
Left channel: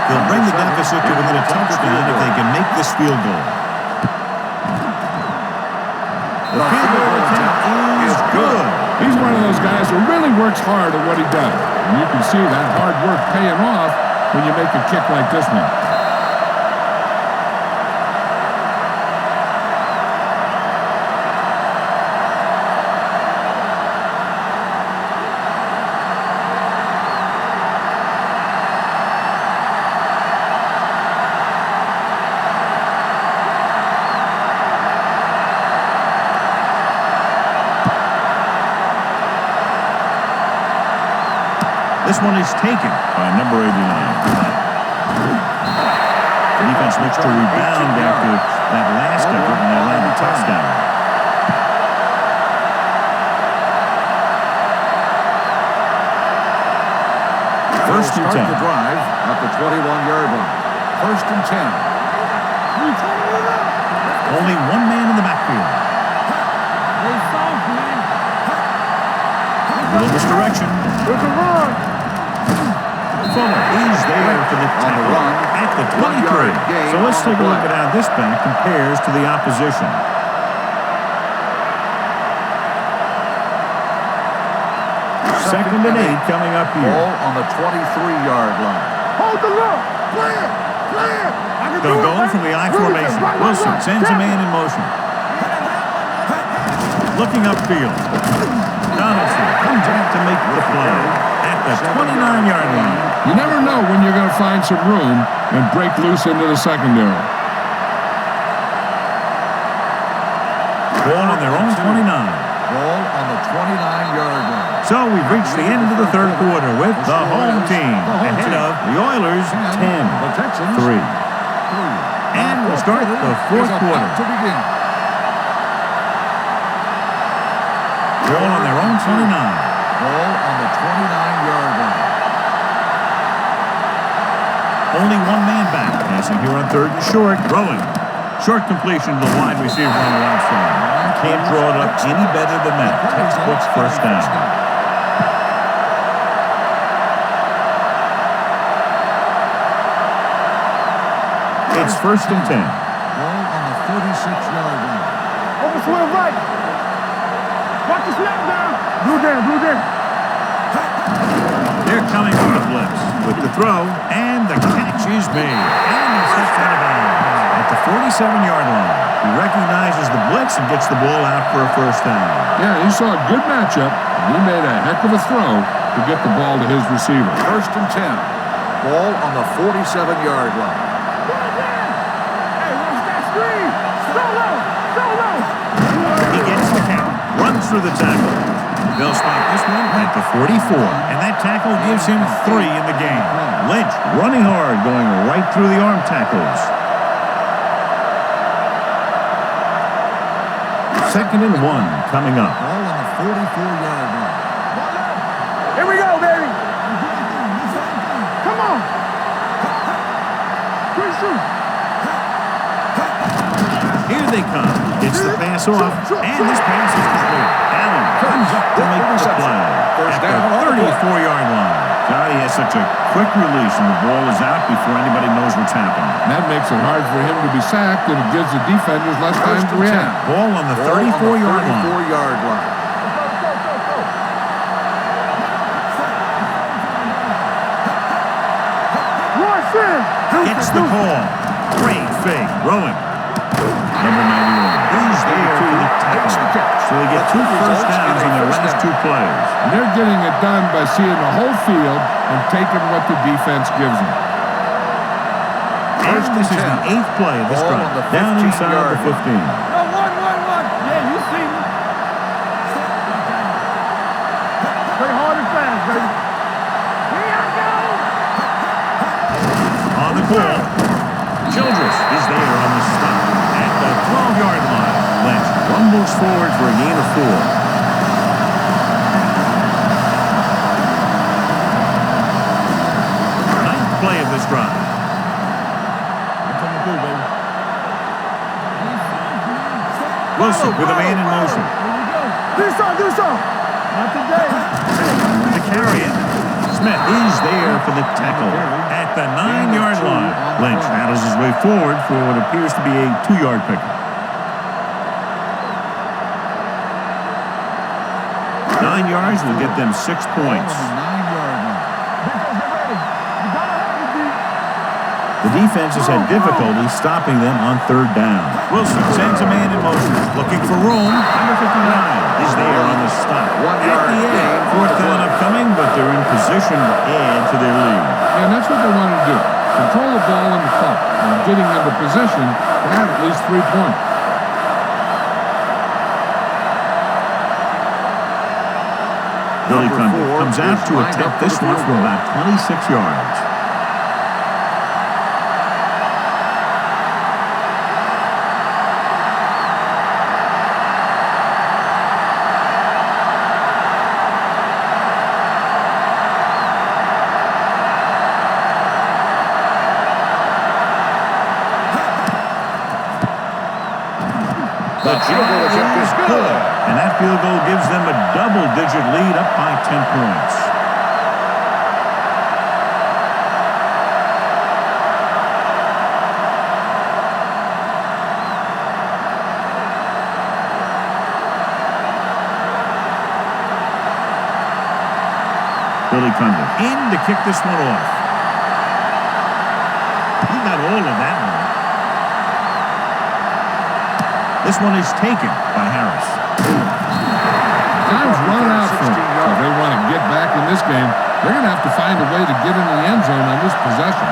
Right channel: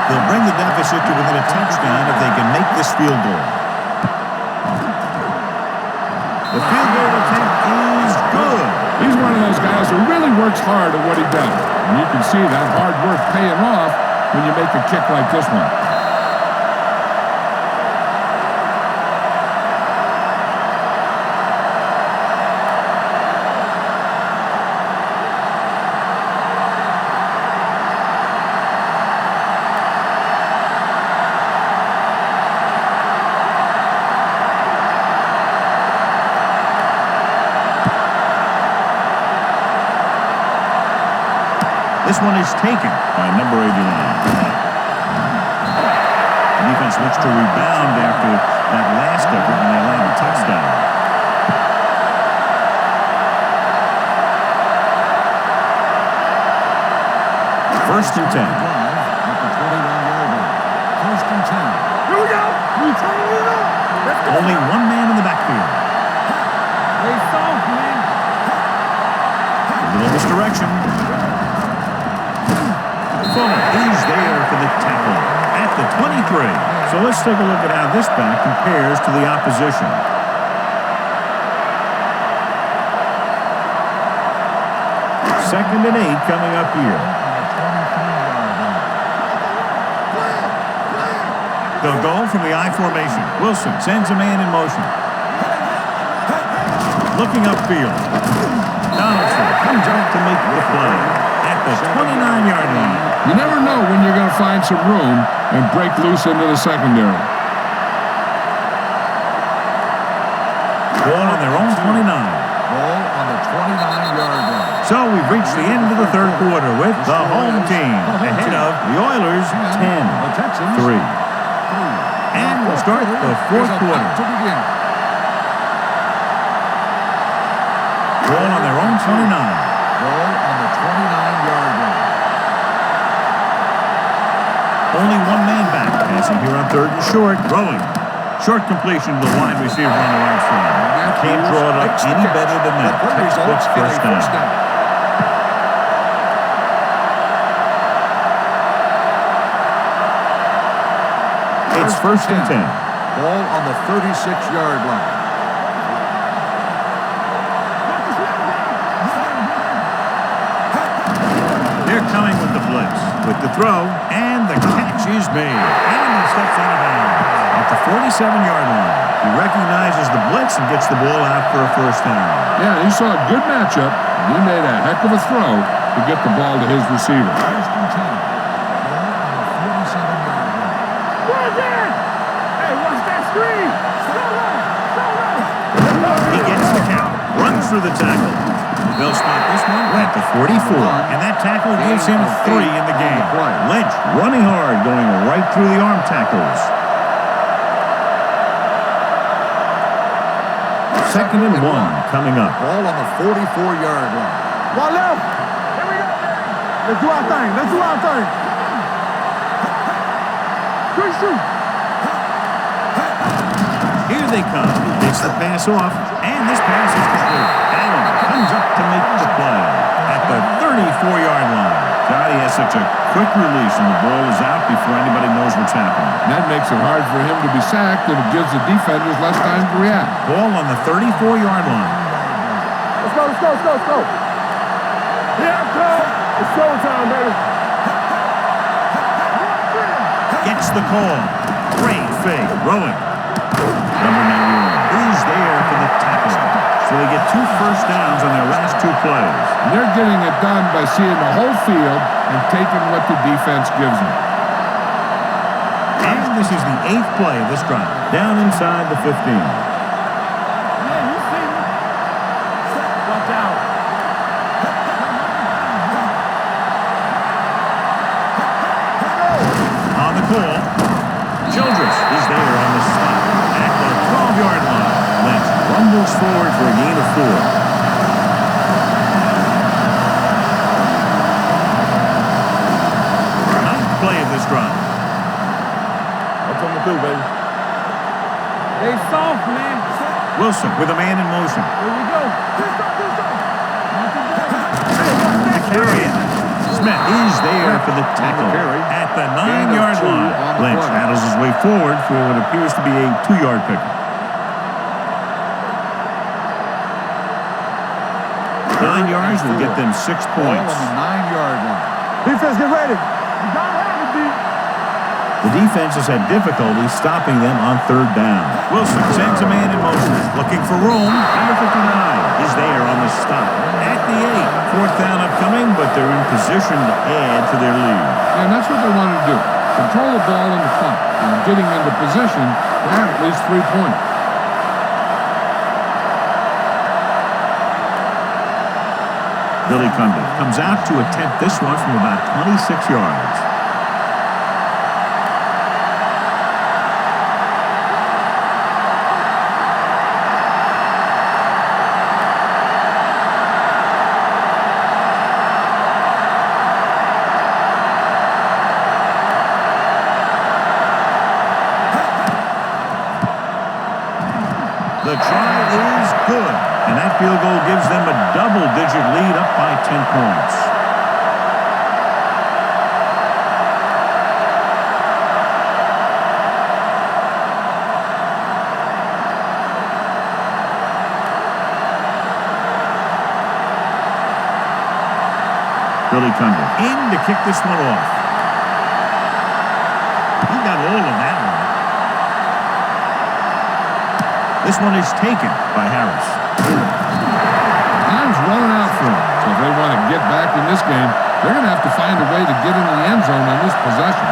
They'll bring the deficit to within a touchdown if they can make this field goal. The field goal attempt is good. He's one of those guys who really works hard at what he does. And you can see that hard work paying off when you make a kick like this one. This one is taken by number 89. The defense looks to rebound after that last effort when they allowed a touchdown. First and 10. The drive at the 21-yard line. 1st and 10. Here we go. We turning it up. Let's go. Only one man in the backfield. They soft, man. A little misdirection. Fuller is there for the tackle at the 23. So let's take a look at how this back compares to the opposition. Second and 8 coming up here. Ball on the 23-yard line. Hold the look. Clear. Clear. They'll go from the I formation. Wilson sends a man in motion. Looking upfield. Donaldson comes up to make the play at the 29-yard line. You never know when you're going to find some room and break loose into the secondary. Ball on their own 29. Ball on the 29-yard line. So we've reached the end of the third quarter with the home team ahead of the Oilers 10, The Texans 3. 3. And we'll start the fourth quarter. To begin. Ball on their own 29. Ball on the 29-yard line. Only one man back. Passing here on 3rd and short. Throwing. Short completion to the wide receiver on the right side. Can't draw it up any better than that. Textbook first down. It's 1st and 10. Ball on the 36-yard line. Over to the right. Watch the snap down. Blue there. They're coming with the blitz. With the throw, and the catch is made. And he steps out of bounds at the 47-yard line. He recognizes the blitz and gets the ball out for a first down. Yeah, and he saw a good matchup, and he made a heck of a throw to get the ball to his receiver. 1st and 10. Ball on the 47-yard line. Run again. Hey, watch that screen. Solo. He gets the carry, runs through the tackle. They'll spot this one at the 44, and that tackle gives him 3 in the game. Lynch running hard, going right through the arm tackles. 2nd and 1 coming up. Ball on the 44-yard line. One left. Here we go, baby. Let's do our thing. Come on. 3 shoot. Here they come. They Gets the pass off, and this pass is complete. Allen comes up to make the play at the 34-yard line. Johnny has such a quick release, and the ball is out before anybody knows what's happening. That makes it hard for him to be sacked, and it gives the defenders less time to react. Ball on the 34-yard line. Let's go. Yeah, come. It's showtime, baby. Gets the call. Great fake. Throwing. Number 91 is there for the tackle. So they get 2 first downs on their last 2 plays. And they're getting it done by seeing the whole field and taking what the defense gives them. And this is the 8th play of this drive. Down inside the 15. Yeah, you see me. Watch out. Play hard and fast, baby. Here I go. On the call, Childress is there on the stop at the 12-yard line. Lynch rumbles forward for a gain of 4. 9th play of this drive. I'm coming through, baby. They soft, man. Wilson with a man in motion. Here we go. Do something. Not today. To carry it. Smith is there for the tackle at the 9-yard line. Lynch paddles his way forward for what appears to be a 2-yard pickup. 9 yards will get them 6 points. On the 9-yard line. Defense, get ready. You gotta have it, D. The defense has had difficulty stopping them on 3rd down. Wilson sends a man in motion, looking for room. Number 59 is there on the stop at the 8. 4th down upcoming, but they're in position to add to their lead. Yeah, and that's what they wanted to do. Control the ball and the clock. And getting into position to have at least 3 points. Billy Cundiff comes out to attempt this one from about 26 yards. The try is good, and that field goal gives them a double-digit lead up by 10 points. Billy Cundiff in to kick this one off. He got all of that one. This one is taken by Harris. Time's running out for them. So if they want to get back in this game, they're going to have to find a way to get into the end zone on this possession.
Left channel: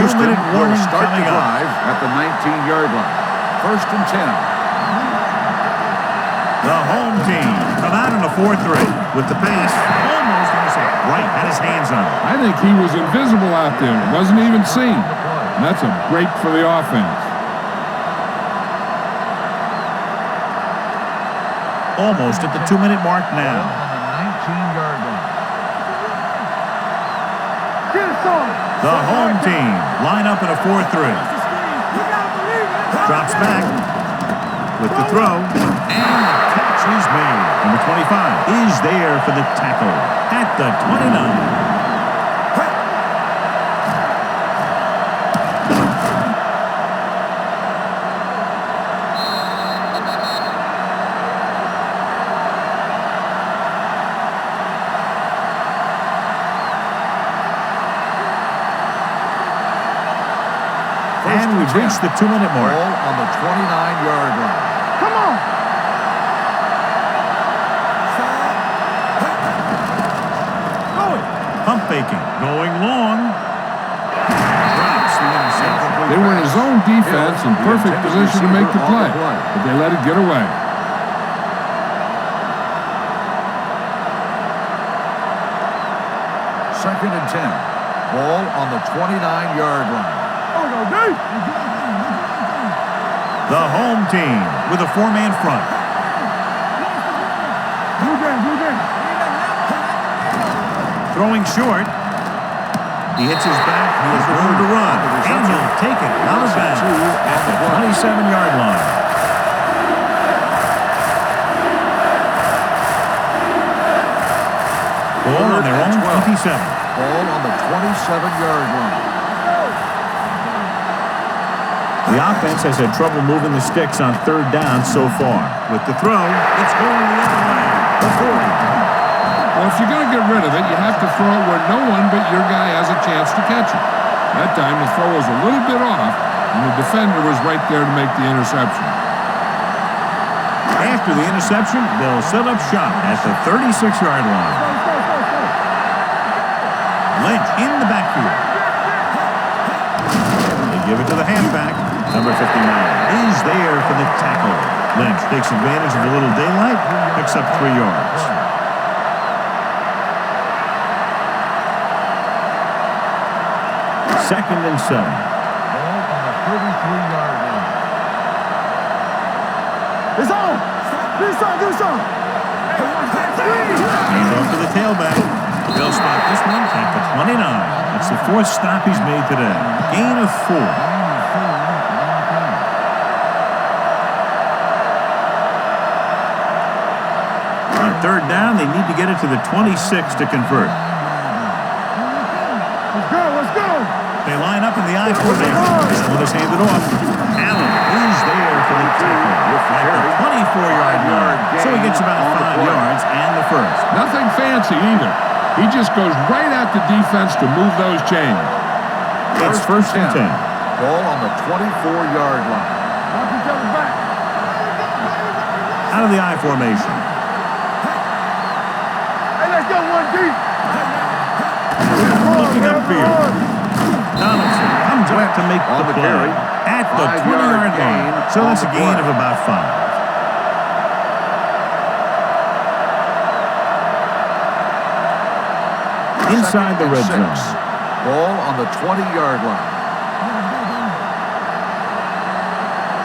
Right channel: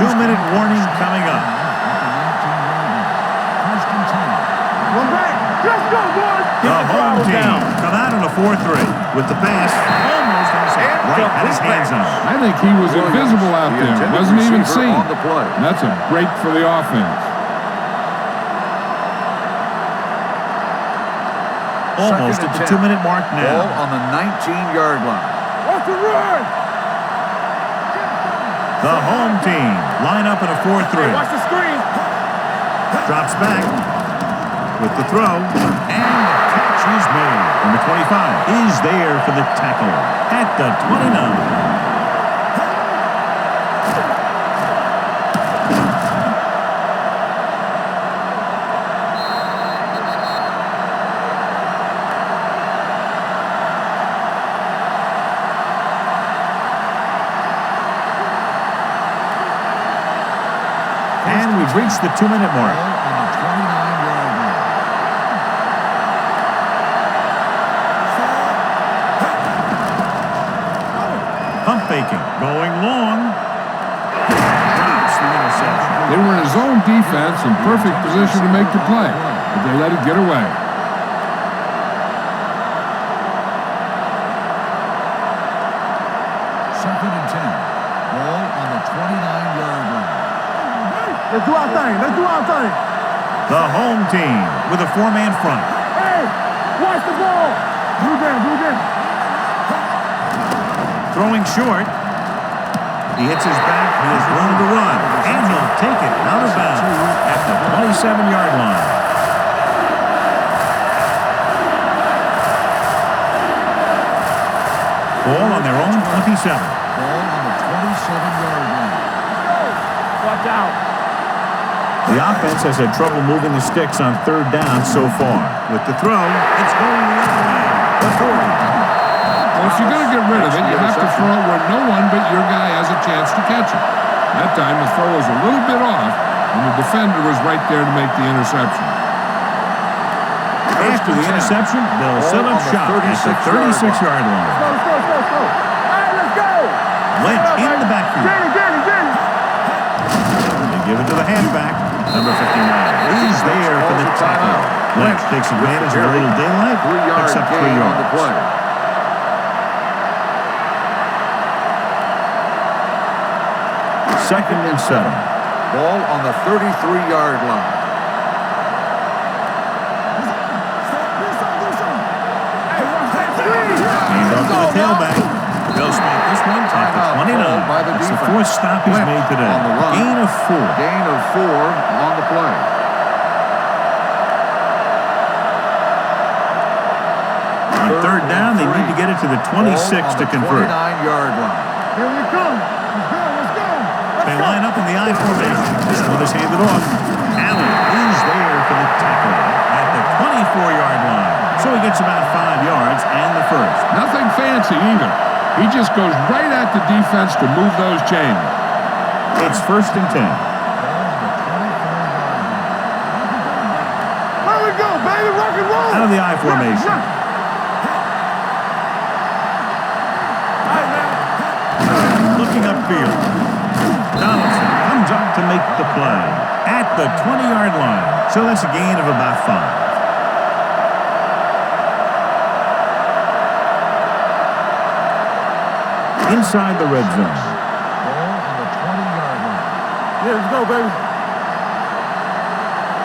2-minute warning coming up. At the 19-yard line. 1st and 10. One back. Let's go, boys. The home team come out in a 4-3 with the pass almost intercepted. Wright had his hands on it. I think he was invisible out there. Wasn't even seen. And that's a break for the offense. Almost at the 2-minute mark now. On the 19-yard line. Watch the run. Get it on. The home team line up in a 4-3. Watch the screen. Drops back with the throw, and the catch is made. Number 25 is there for the tackle at the 29. And we've reached the 2-minute mark. Ball on the 29-yard line. Come on. Going. Pump faking. Going long. Drops the interception. They were in a zone defense in perfect position to make the play, but they let it get away. Second and 10. Ball on the 29-yard line. There we go, D. Let's do our thing. The home team with a 4-man front. Hey, watch the ball. Blue down. Throwing short. He hits his back. He has room to run. And he'll take it out of bounds at the 27-yard line. Ball on their own 27. Ball on the 27-yard line. Let's go. Watch out. The offense has had trouble moving the sticks on third down so far. With the throw, it's going the other way. The 40. Well, if you're going to get rid of it, you have to throw it where no one but your guy has a chance to catch it. That time, the throw was a little bit off, and the defender was right there to make the interception. After the interception, they'll set up shop at the 36-yard line. Let's go. Hey, let's go. Lynch in the backfield. They give it to the halfback. Number 59 is there for the tackle. Lynch takes advantage of a little daylight, picks up 3 yards. Second and 7. Ball on the 33-yard line. It's on. Do some. Hey, watch that screen. Hand off to the tailback. They'll spot this one at the 29. That's the 4th stop he's made today. Gain of 4. Gain of 4 on the play. On third down, they need to get it to the 26 to convert. 29-yard line. Here we come. Let's go. They line up in the I formation. This one is handed off. Allen is there for the tackle at the 24-yard line. So he gets about 5 yards and the first. Nothing fancy either. He just goes right at the defense to move those chains. It's first and 10. Ball on the 24-yard line. Watch each other back. There we go, baby. Rock and roll. Out of the I formation. Hey, let's go, 1 deep. All right, now. Looking upfield. Donaldson comes up to make the play at the 20-yard line. So that's a gain of about 5. Inside the red zone. Ball on the 20-yard line. Here we go, baby.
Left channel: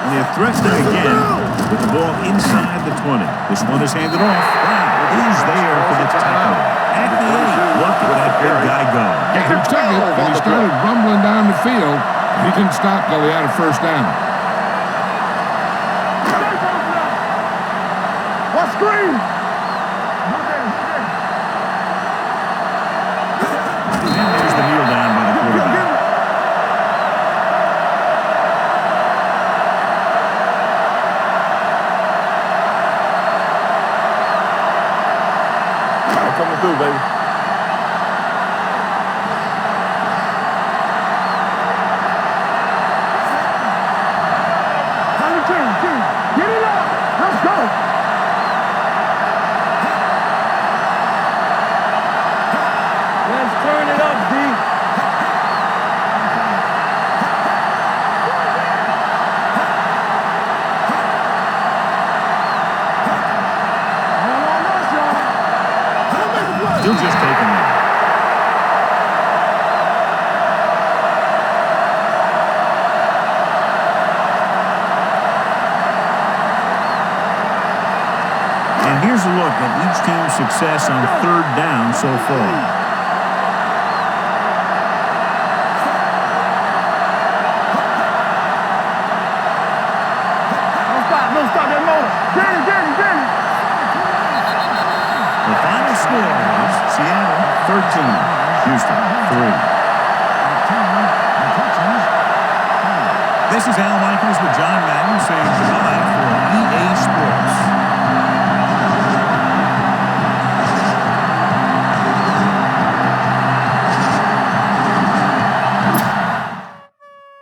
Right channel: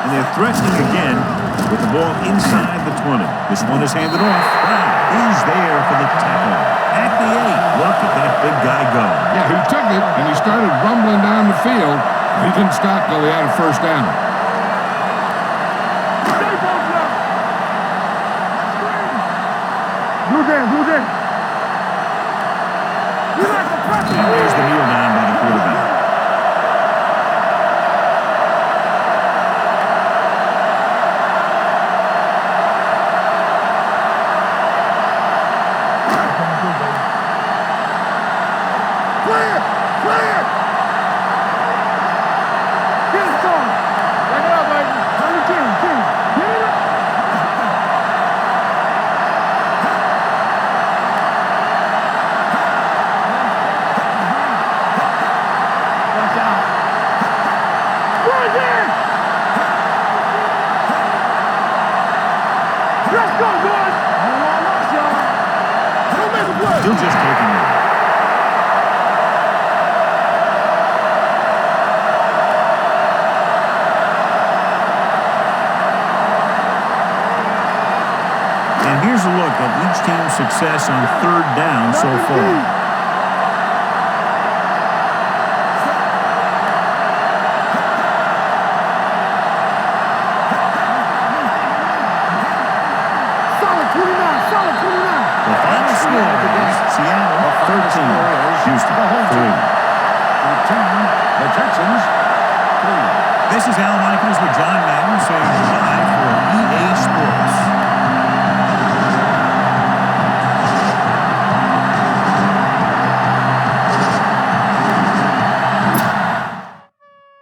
And they're threatening again with the ball inside the 20. This one is handed off. Brown is there for the tackle at the 8. Look at that big guy go. Yeah, he took it, and he started rumbling down the field. He didn't stop till he had a first down. Stay posted up. What screen? Blue down. And there's the kneel down by the quarterback. Coming through, baby. Clear. Get it on. Take it up, baby. On the 10. Get it up. Let's go. Let's turn it up, D. Watch out. Run there. Let's go, boys. All on us, y'all. Don't make a play. He'll just take a knee. And here's a look at each team's success on third down so far. Don't stop that motor. Danny. Solid 29. The final score is Seattle 13, Houston 3. 13, the Texans 3. This is Al Michaels with John Madden saying goodbye for EA Sports.